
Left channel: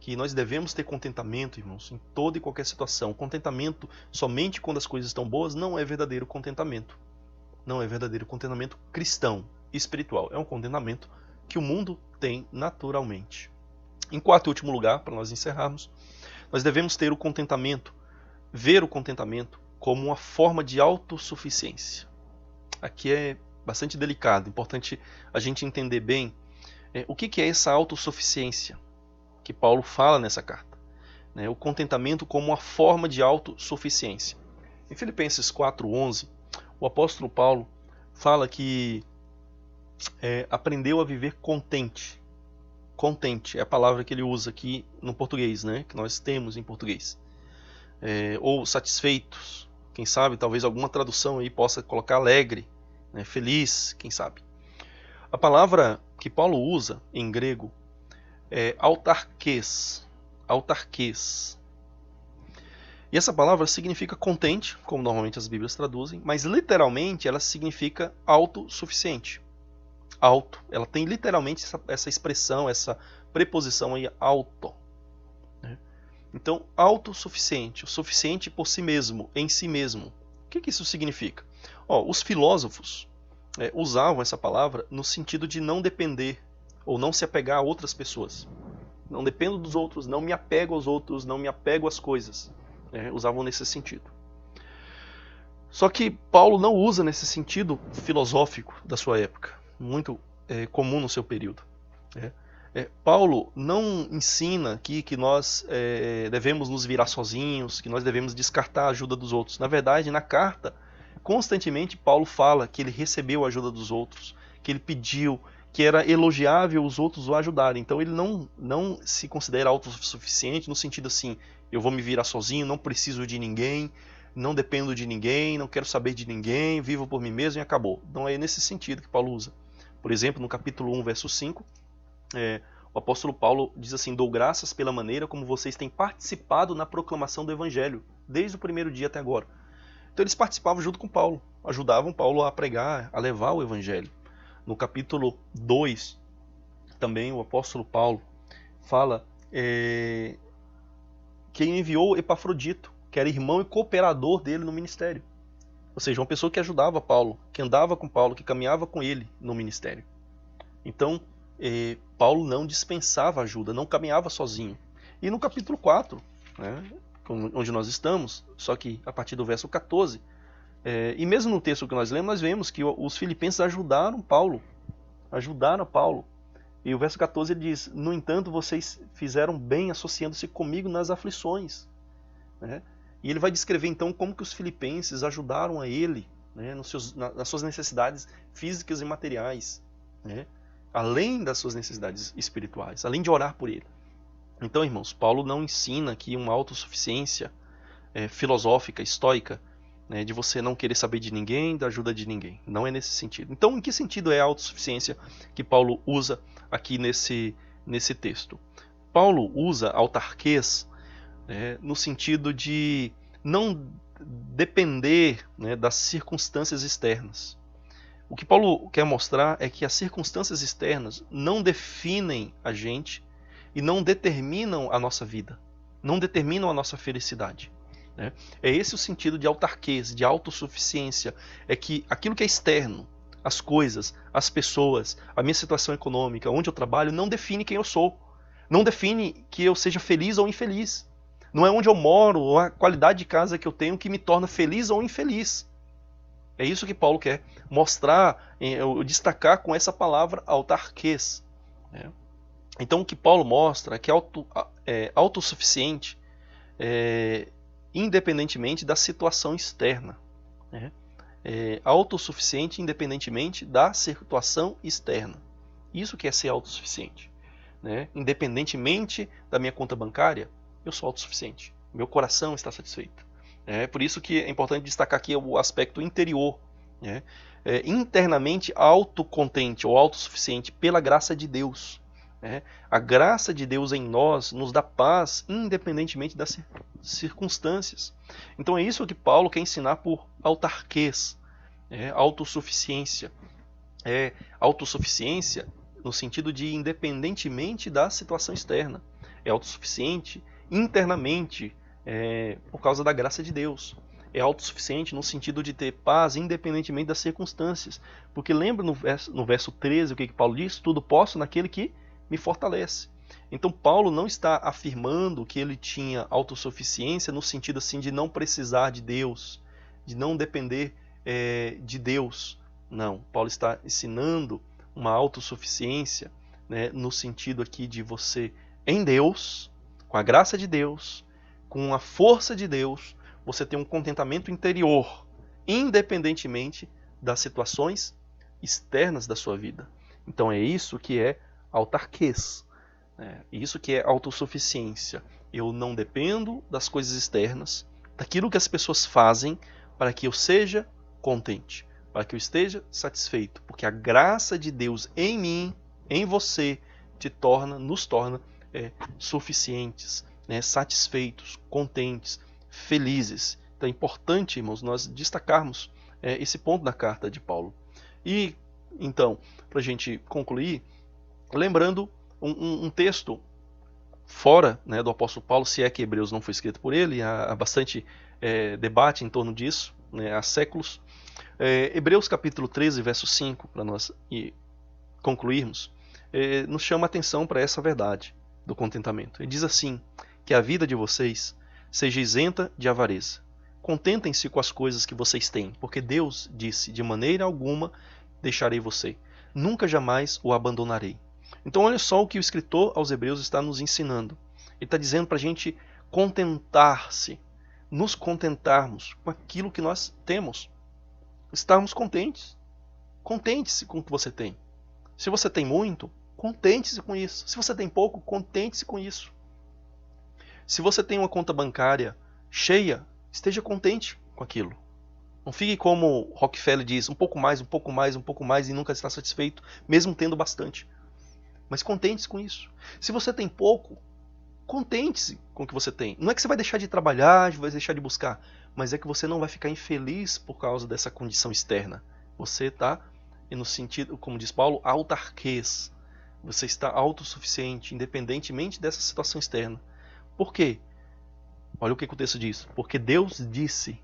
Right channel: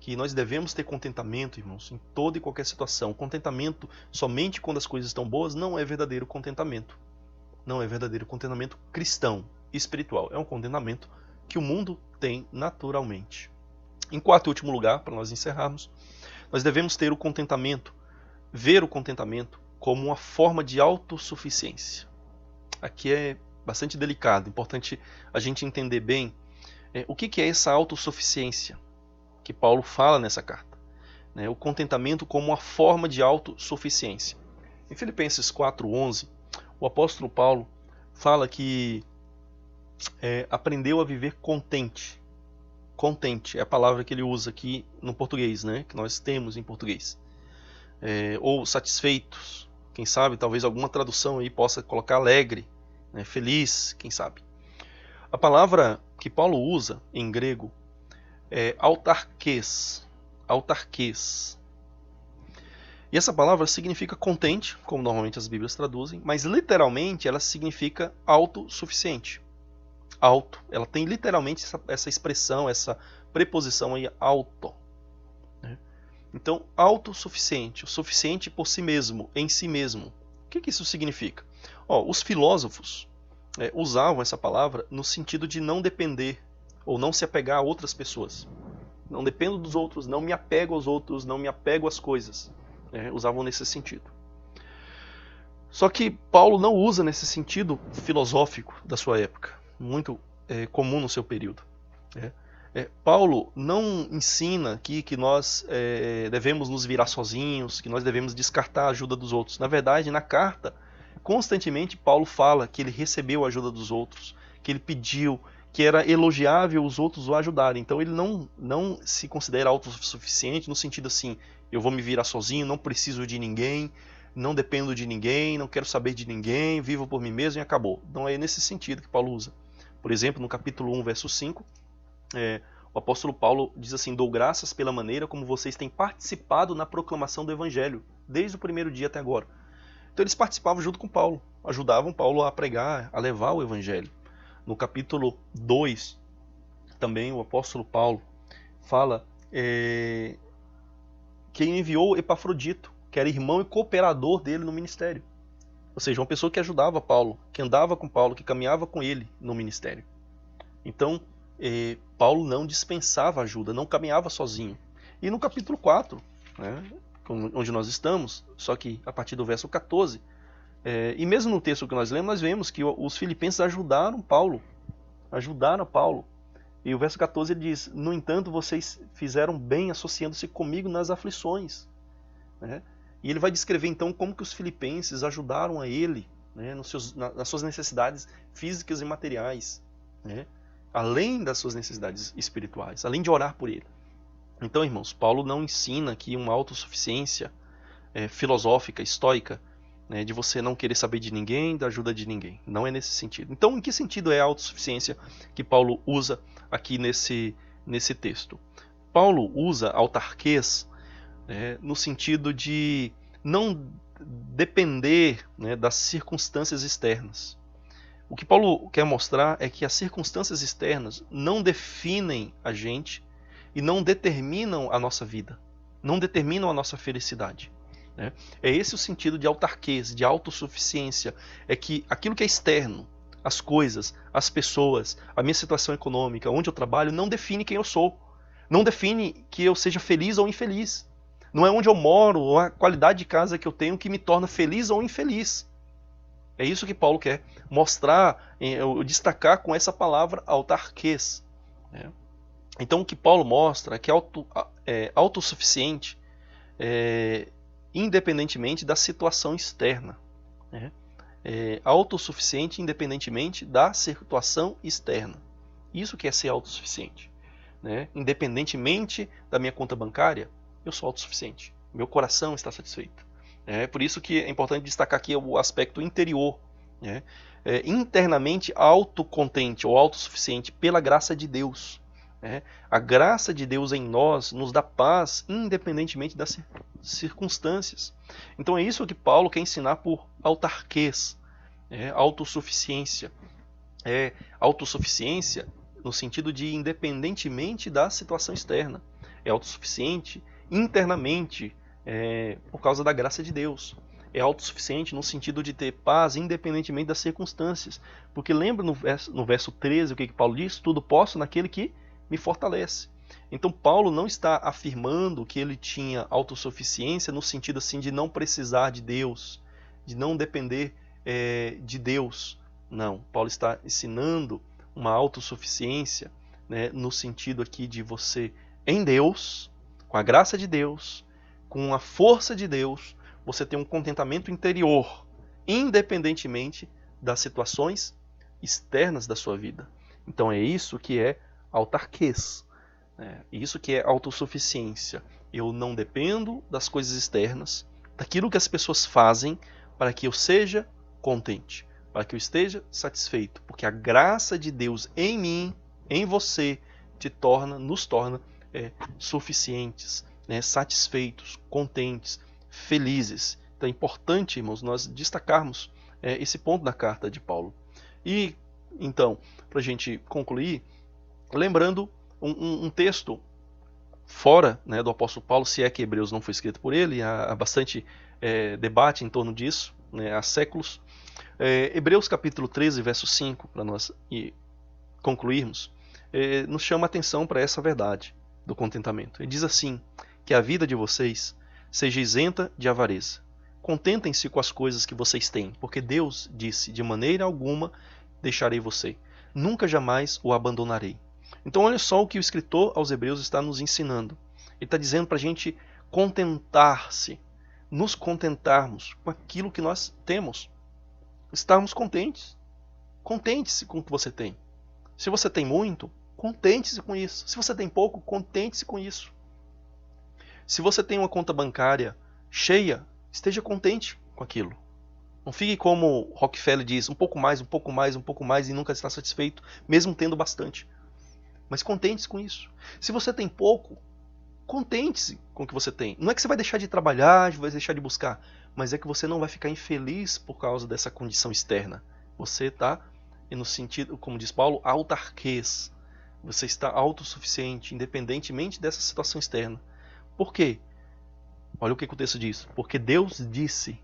Que nós devemos ter contentamento, irmãos, em toda e qualquer situação. Contentamento somente quando as coisas estão boas não é verdadeiro contentamento. Não é verdadeiro contentamento cristão, espiritual. É um contentamento que o mundo tem naturalmente. Em quarto e último lugar, para nós encerrarmos, nós devemos ter o contentamento, ver o contentamento como uma forma de autossuficiência. Aqui é bastante delicado, importante a gente entender bem o que é essa autossuficiência que Paulo fala nessa carta. O contentamento como uma forma de autossuficiência. Em Filipenses 4:11, o apóstolo Paulo fala que aprendeu a viver contente. Contente é a palavra que ele usa aqui no português, que nós temos em português. Ou satisfeitos, quem sabe, talvez alguma tradução aí possa colocar alegre, feliz, quem sabe. A palavra que Paulo usa em grego é autarquês. Autarquês. E essa palavra significa contente, como normalmente as Bíblias traduzem, mas literalmente ela significa autossuficiente. Auto. Ela tem literalmente essa expressão, essa preposição aí, auto. Então, autossuficiente, o suficiente por si mesmo, em si mesmo. O que isso significa? Os filósofos usavam essa palavra no sentido de não depender ou não se apegar a outras pessoas. Não dependo dos outros, não me apego aos outros, não me apego às coisas. Usavam nesse sentido. Só que Paulo não usa nesse sentido filosófico da sua época, muito comum no seu período. Paulo não ensina aqui que nós devemos nos virar sozinhos, que nós devemos descartar a ajuda dos outros. Na verdade, na carta, constantemente Paulo fala que ele recebeu a ajuda dos outros, que ele pediu, que era elogiável os outros o ajudarem. Então ele não se considera autossuficiente no sentido assim, eu vou me virar sozinho, não preciso de ninguém, não dependo de ninguém, não quero saber de ninguém, vivo por mim mesmo e acabou. Não é nesse sentido que Paulo usa. Por exemplo, no capítulo 1, verso 5, o apóstolo Paulo diz assim: dou graças pela maneira como vocês têm participado na proclamação do Evangelho, desde o primeiro dia até agora. Então eles participavam junto com Paulo, ajudavam Paulo a pregar, a levar o evangelho. No capítulo 2, também o apóstolo Paulo fala que ele enviou Epafrodito, que era irmão e cooperador dele no ministério. Ou seja, uma pessoa que ajudava Paulo, que andava com Paulo, que caminhava com ele no ministério. Então, Paulo não dispensava ajuda, não caminhava sozinho. E no capítulo 4, né, onde nós estamos, só que a partir do verso 14, e mesmo no texto que nós lemos, nós vemos que os filipenses ajudaram Paulo. E o verso 14 ele diz: no entanto, vocês fizeram bem associando-se comigo nas aflições. Né? E ele vai descrever então como que os filipenses ajudaram a ele, né, nas suas necessidades físicas e materiais, né, além das suas necessidades espirituais, além de orar por ele. Então, irmãos, Paulo não ensina aqui uma autossuficiência filosófica, estoica, né, de você não querer saber de ninguém, da ajuda de ninguém. Não é nesse sentido. Então, em que sentido é a autossuficiência que Paulo usa aqui nesse texto? Paulo usa autarquês no sentido de não depender, né, das circunstâncias externas. O que Paulo quer mostrar é que as circunstâncias externas não definem a gente e não determinam a nossa vida, não determinam a nossa felicidade. Né? É esse o sentido de autarquês, de autossuficiência, é que aquilo que é externo, as coisas, as pessoas, a minha situação econômica, onde eu trabalho, não define quem eu sou, não define que eu seja feliz ou infeliz. Não é onde eu moro ou a qualidade de casa que eu tenho que me torna feliz ou infeliz. É isso que Paulo quer mostrar, destacar com essa palavra autarquês. Então o que Paulo mostra é que é autossuficiente, independentemente da situação externa. Autossuficiente independentemente da situação externa. Isso que é ser autossuficiente. Independentemente da minha conta bancária, eu sou autossuficiente. Meu coração está satisfeito. É por isso que é importante destacar aqui o aspecto interior. Internamente autocontente ou autossuficiente pela graça de Deus. A graça de Deus em nós nos dá paz independentemente das circunstâncias. Então é isso que Paulo quer ensinar por autarquês, autossuficiência. Autossuficiência no sentido de independentemente da situação externa. É autossuficiente internamente por causa da graça de Deus. É autossuficiente no sentido de ter paz independentemente das circunstâncias. Porque lembra no verso 13 o que Paulo diz? Tudo posso naquele que me fortalece. Então Paulo não está afirmando que ele tinha autossuficiência no sentido assim de não precisar de Deus, de não depender de Deus. Não, Paulo está ensinando uma autossuficiência, né, no sentido aqui de você, em Deus, com a graça de Deus, com a força de Deus, você tem um contentamento interior, independentemente das situações externas da sua vida. Então é isso que é autarquês, isso que é autossuficiência. Eu não dependo das coisas externas, daquilo que as pessoas fazem para que eu seja contente, para que eu esteja satisfeito, porque a graça de Deus em mim, em você, nos torna suficientes, satisfeitos, contentes, felizes. Então é importante, irmãos, nós destacarmos esse ponto da carta de Paulo. E, então, para a gente concluir, lembrando um texto fora, né, do apóstolo Paulo, se é que Hebreus não foi escrito por ele, há bastante debate em torno disso, né, há séculos. Hebreus capítulo 13, verso 5, para nós concluirmos, nos chama a atenção para essa verdade do contentamento. Ele diz assim, que a vida de vocês seja isenta de avareza. Contentem-se com as coisas que vocês têm, porque Deus disse, de maneira alguma deixarei você. Nunca jamais o abandonarei. Então olha só o que o escritor aos Hebreus está nos ensinando. Ele está dizendo para a gente contentar-se, nos contentarmos com aquilo que nós temos. Estarmos contentes. Contente-se com o que você tem. Se você tem muito, contente-se com isso. Se você tem pouco, contente-se com isso. Se você tem uma conta bancária cheia, esteja contente com aquilo. Não fique como Rockefeller diz, um pouco mais, um pouco mais, um pouco mais e nunca está satisfeito, mesmo tendo bastante. Mas contente-se com isso. Se você tem pouco, contente-se com o que você tem. Não é que você vai deixar de trabalhar, vai deixar de buscar, mas é que você não vai ficar infeliz por causa dessa condição externa. Você está, no sentido, como diz Paulo, autarquês. Você está autossuficiente, independentemente dessa situação externa. Por quê? Olha o que o texto diz. Porque Deus disse,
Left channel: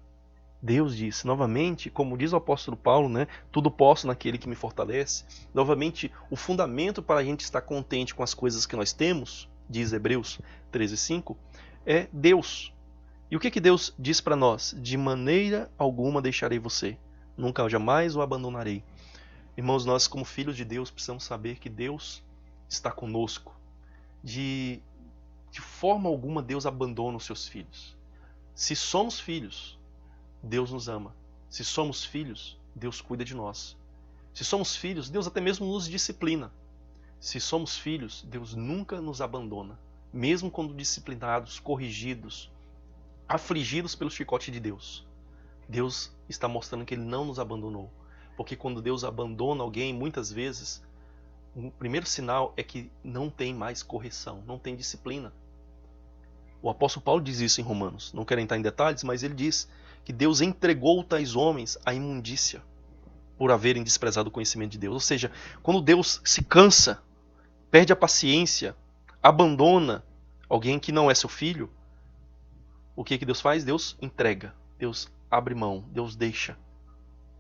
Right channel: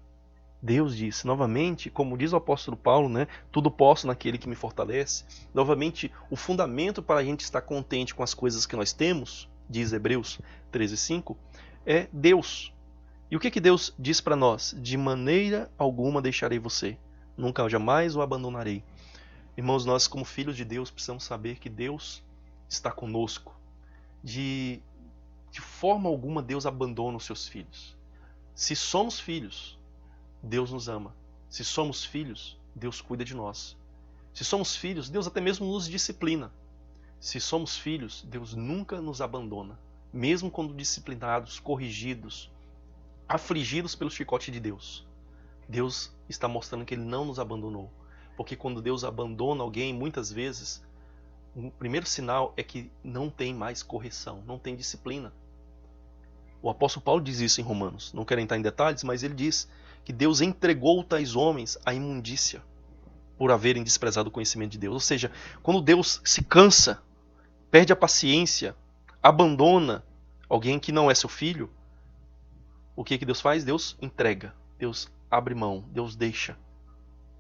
novamente, como diz o apóstolo Paulo, né, tudo posso naquele que me fortalece. Novamente, o fundamento para a gente estar contente com as coisas que nós temos, diz Hebreus 13:5, é Deus. E o que Deus diz para nós? De maneira alguma deixarei você, nunca jamais o abandonarei. Irmãos, nós como filhos de Deus precisamos saber que Deus está conosco. De forma alguma Deus abandona os seus filhos. Se somos filhos, Deus nos ama. Se somos filhos, Deus cuida de nós. Se somos filhos, Deus até mesmo nos disciplina. Se somos filhos, Deus nunca nos abandona. Mesmo quando disciplinados, corrigidos, afligidos pelo chicote de Deus. Deus está mostrando que Ele não nos abandonou. Porque quando Deus abandona alguém, muitas vezes, o primeiro sinal é que não tem mais correção, não tem disciplina. O apóstolo Paulo diz isso em Romanos. Não quero entrar em detalhes, mas ele diz que Deus entregou tais homens à imundícia por haverem desprezado o conhecimento de Deus. Ou seja, quando Deus se cansa, perde a paciência, abandona alguém que não é seu filho, o que Deus faz? Deus entrega, Deus abre mão, Deus deixa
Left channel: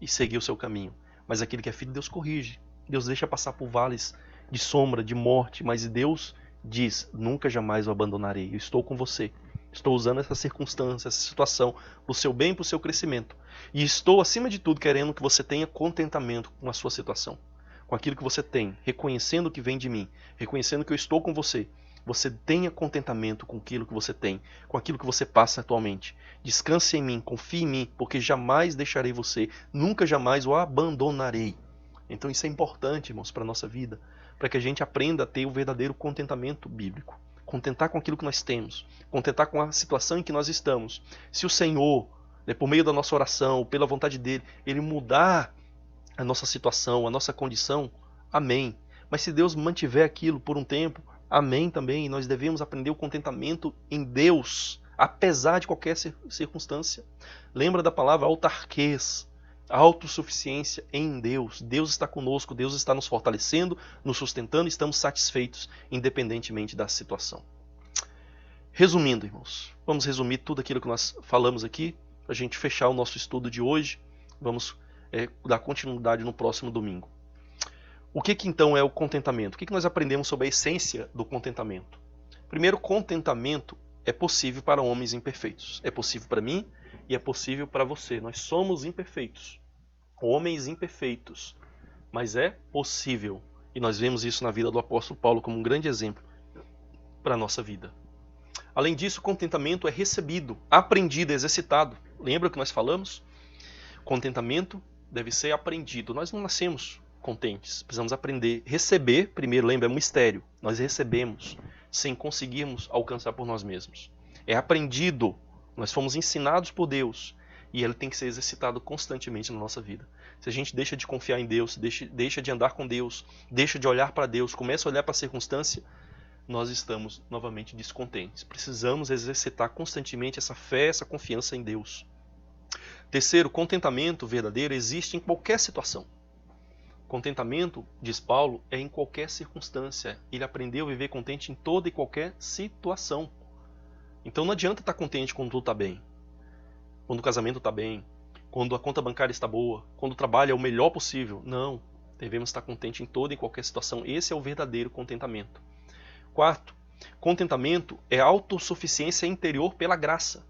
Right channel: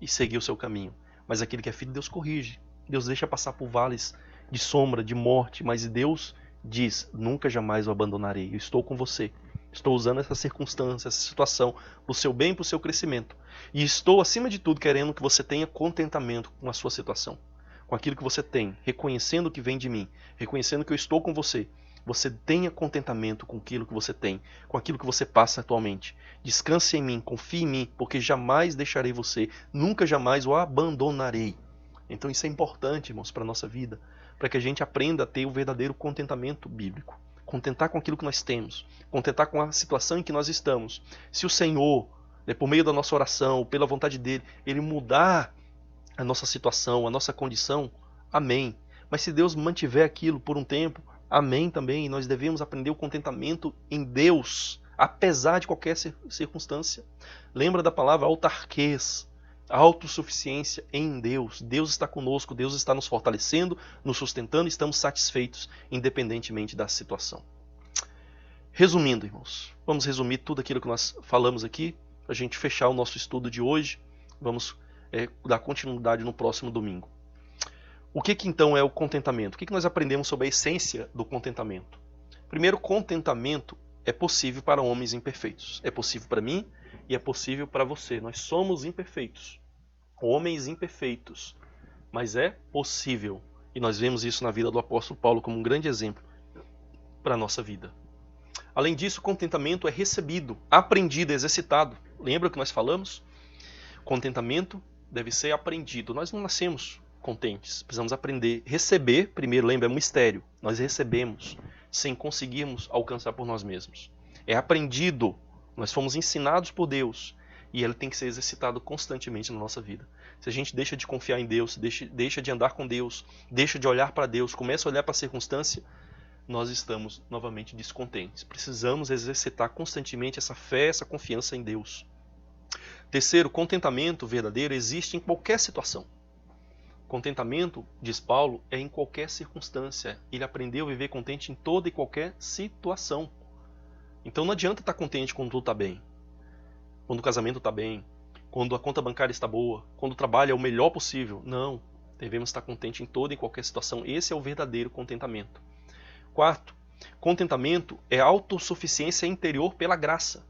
e segue o seu caminho. Mas aquele que é filho, Deus corrige. Deus deixa passar por vales de sombra, de morte, mas Deus diz, nunca jamais o abandonarei, eu estou com você. Estou usando essa circunstância, essa situação, para o seu bem e para o seu crescimento. E estou, acima de tudo, querendo que você tenha contentamento com a sua situação, com aquilo que você tem, reconhecendo o que vem de mim, reconhecendo que eu estou com você. Você tenha contentamento com aquilo que você tem, com aquilo que você passa atualmente. Descanse em mim, confie em mim, porque jamais deixarei você, nunca jamais o abandonarei. Então isso é importante, irmãos, para a nossa vida, para que a gente aprenda a ter o verdadeiro contentamento bíblico. Contentar com aquilo que nós temos, contentar com a situação em que nós estamos. Se o Senhor, por meio da nossa oração, pela vontade dEle, Ele mudar a nossa situação, a nossa condição, amém. Mas se Deus mantiver aquilo por um tempo, amém também. Nós devemos aprender o contentamento em Deus, apesar de qualquer circunstância. Lembra da palavra autarquês, autossuficiência em Deus. Deus está conosco, Deus está nos fortalecendo, nos sustentando, estamos satisfeitos, independentemente da situação. Resumindo, irmãos, vamos resumir tudo aquilo que nós falamos aqui, para a gente fechar o nosso estudo de hoje. Vamos dar continuidade no próximo domingo. O que então é o contentamento? O que nós aprendemos sobre a essência do contentamento? Primeiro, contentamento é possível para homens imperfeitos. É possível para mim e é possível para você. Nós somos imperfeitos, homens imperfeitos, mas é possível. E nós vemos isso na vida do apóstolo Paulo como um grande exemplo para a nossa vida. Além disso, contentamento é recebido, aprendido, exercitado. Lembra que nós falamos? Contentamento deve ser aprendido. Nós não nascemos contentes, precisamos aprender. Receber, primeiro, lembra, é um mistério. Nós recebemos sem conseguirmos alcançar por nós mesmos. É aprendido. Nós fomos ensinados por Deus e ele tem que ser exercitado constantemente na nossa vida. Se a gente deixa de confiar em Deus, deixa de andar com Deus, deixa de olhar para Deus, começa a olhar para a circunstância, nós estamos novamente descontentes. Precisamos exercitar constantemente essa fé, essa confiança em Deus. Terceiro, contentamento verdadeiro existe em qualquer situação. Contentamento, diz Paulo, é em qualquer circunstância. Ele aprendeu a viver contente em toda e qualquer situação. Então não adianta estar contente quando tudo está bem. Quando o casamento está bem. Quando a conta bancária está boa. Quando o trabalho é o melhor possível. Não. Devemos estar contente em toda e qualquer situação. Esse é o verdadeiro contentamento. Quarto, contentamento é autossuficiência interior pela graça.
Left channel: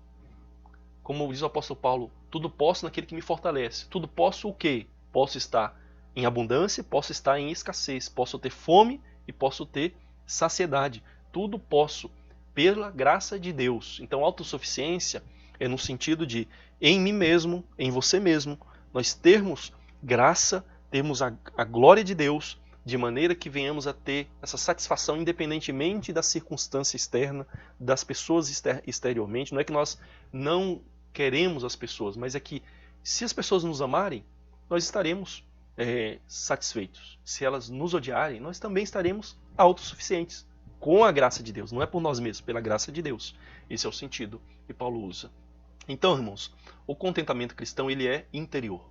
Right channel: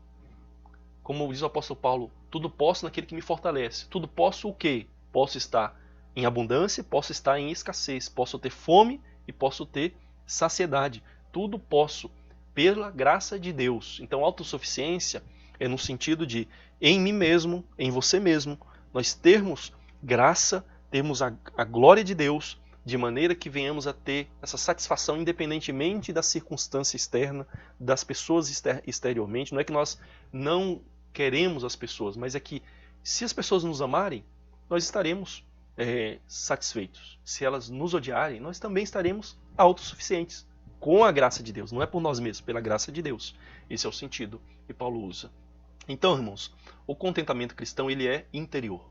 Como diz o apóstolo Paulo, tudo posso naquele que me fortalece. Tudo posso o quê? Posso estar em abundância, posso estar em escassez. Posso ter fome e posso ter saciedade. Tudo posso pela graça de Deus. Então, autossuficiência é no sentido de, em mim mesmo, em você mesmo, nós termos graça, termos a glória de Deus, de maneira que venhamos a ter essa satisfação independentemente da circunstância externa, das pessoas exteriormente. Não é que nós não queremos as pessoas, mas é que se as pessoas nos amarem, nós estaremos satisfeitos. Se elas nos odiarem, nós também estaremos autossuficientes, com a graça de Deus, não é por nós mesmos, pela graça de Deus. Esse é o sentido que Paulo usa. Então, irmãos, o contentamento cristão ele é interior.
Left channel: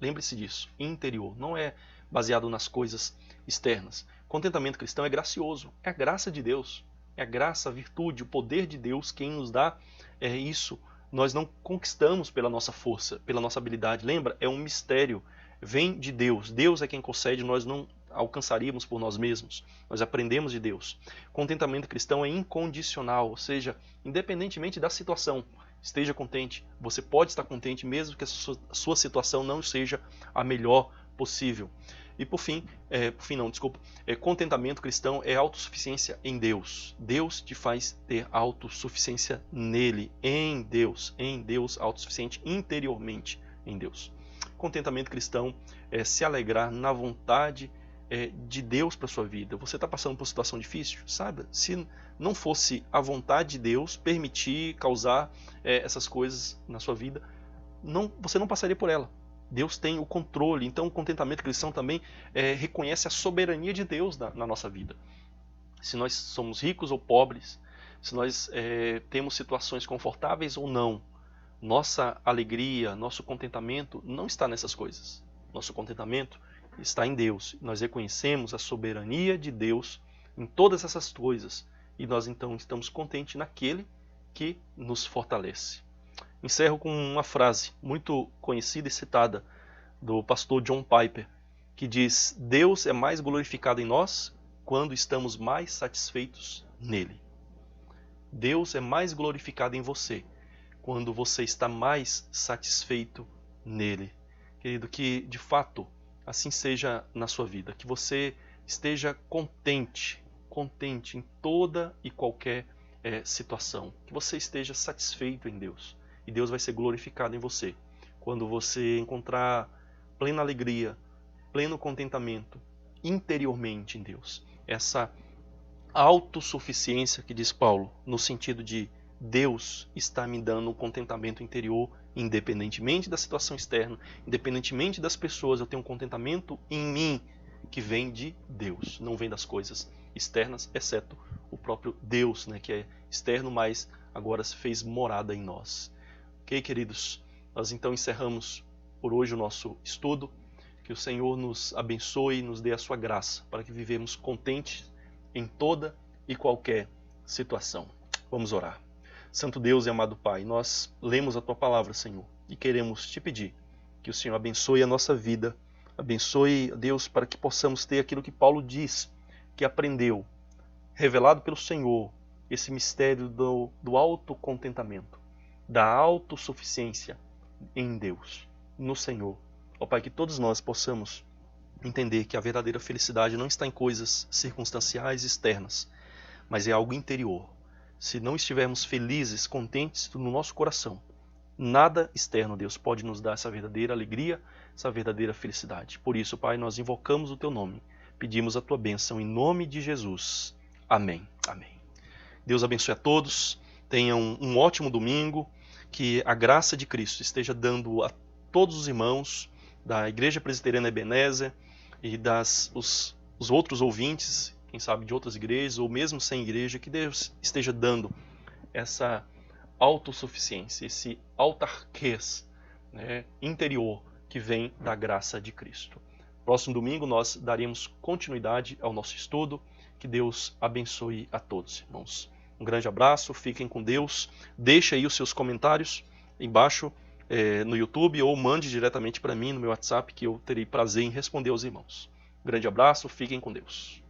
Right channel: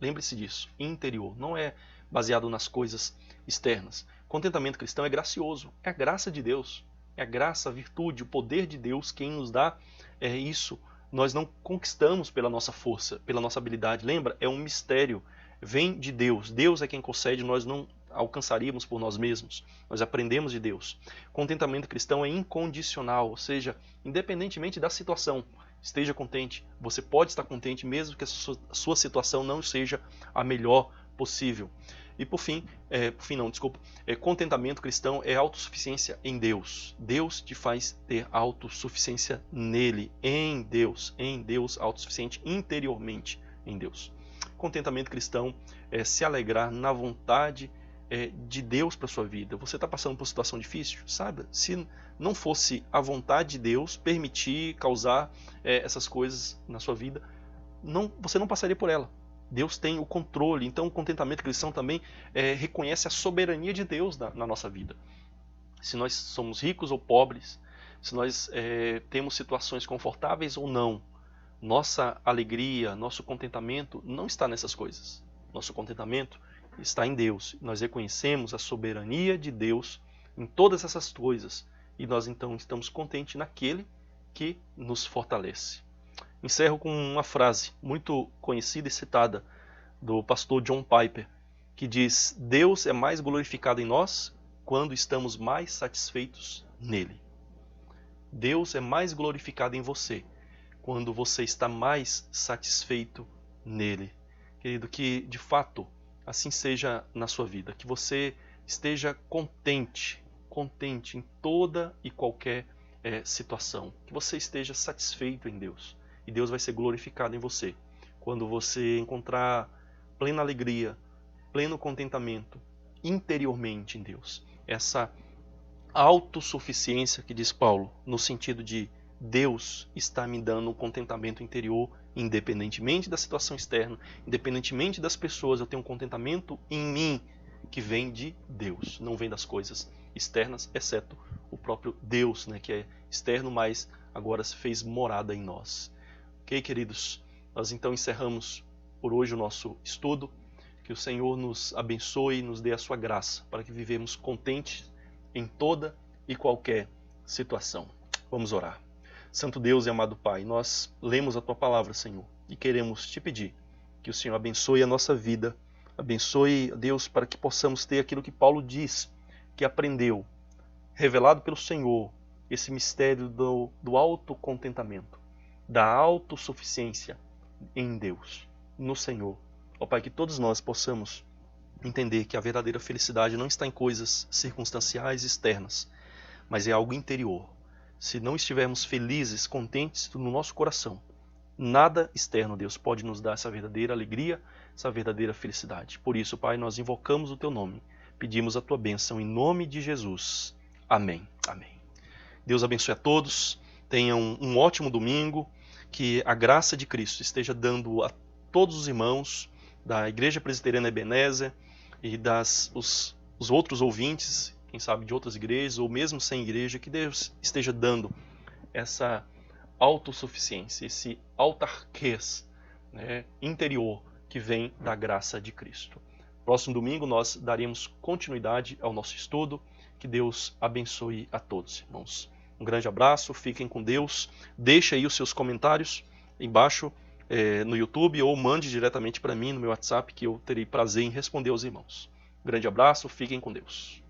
Lembre-se disso, interior, não é baseado nas coisas externas. Contentamento cristão é gracioso, é a graça de Deus, é a graça, a virtude, o poder de Deus quem nos dá isso. Nós não conquistamos pela nossa força, pela nossa habilidade. Lembra? É um mistério. Vem de Deus. Deus é quem concede, nós não alcançaríamos por nós mesmos. Nós aprendemos de Deus. Contentamento cristão é incondicional, ou seja, independentemente da situação, esteja contente. Você pode estar contente mesmo que a sua situação não seja a melhor possível. E por fim, contentamento cristão é autossuficiência em Deus. Deus te faz ter autossuficiência nele, em Deus, autossuficiente interiormente em Deus. Contentamento cristão é se alegrar na vontade de Deus para sua vida. Você está passando por uma situação difícil? Saiba, se não fosse a vontade de Deus permitir, causar essas coisas na sua vida, você não passaria por ela. Deus tem o controle, então o contentamento cristão também reconhece a soberania de Deus na nossa vida. Se nós somos ricos ou pobres, se nós temos situações confortáveis ou não, nossa alegria, nosso contentamento não está nessas coisas. Nosso contentamento está em Deus. Nós reconhecemos a soberania de Deus em todas essas coisas e nós então estamos contentes naquele que nos fortalece. Encerro com uma frase muito conhecida e citada do pastor John Piper, que diz: Deus é mais glorificado em nós quando estamos mais satisfeitos nele. Deus é mais glorificado em você quando você está mais satisfeito nele. Querido, que de fato assim seja na sua vida, que você esteja contente em toda e qualquer situação, que você esteja satisfeito em Deus. E Deus vai ser glorificado em você quando você encontrar plena alegria, pleno contentamento interiormente em Deus. Essa autossuficiência que diz Paulo, no sentido de Deus está me dando um contentamento interior, independentemente da situação externa, independentemente das pessoas, eu tenho um contentamento em mim que vem de Deus, não vem das coisas externas, exceto o próprio Deus, né, que é externo, mas agora se fez morada em nós. Ok, queridos? Nós então encerramos por hoje o nosso estudo. Que o Senhor nos abençoe e nos dê a sua graça para que vivemos contentes em toda e qualquer situação. Vamos orar. Santo Deus e amado Pai, nós lemos a Tua palavra, Senhor, e queremos Te pedir que o Senhor abençoe a nossa vida, abençoe, Deus, para que possamos ter aquilo que Paulo diz, que aprendeu, revelado pelo Senhor, esse mistério do autocontentamento, da autossuficiência em Deus, no Senhor. Ó Pai, que todos nós possamos entender que a verdadeira felicidade não está em coisas circunstanciais externas, mas é algo interior. Se não estivermos felizes, contentes no nosso coração, nada externo, Deus, pode nos dar essa verdadeira alegria, essa verdadeira felicidade. Por isso, Pai, nós invocamos o Teu nome, pedimos a Tua bênção em nome de Jesus. Amém. Amém. Deus abençoe a todos, tenham um ótimo domingo, que a graça de Cristo esteja dando a todos os irmãos da Igreja Presbiteriana Ebenezer e os outros ouvintes, quem sabe de outras igrejas ou mesmo sem igreja, que Deus esteja dando essa autossuficiência, esse autarquês, né, interior que vem da graça de Cristo. Próximo domingo nós daremos continuidade ao nosso estudo. Que Deus abençoe a todos, irmãos. Um grande abraço, fiquem com Deus. Deixe aí os seus comentários embaixo no YouTube ou mande diretamente para mim no meu WhatsApp, que eu terei prazer em responder aos irmãos. Um grande abraço, fiquem com Deus.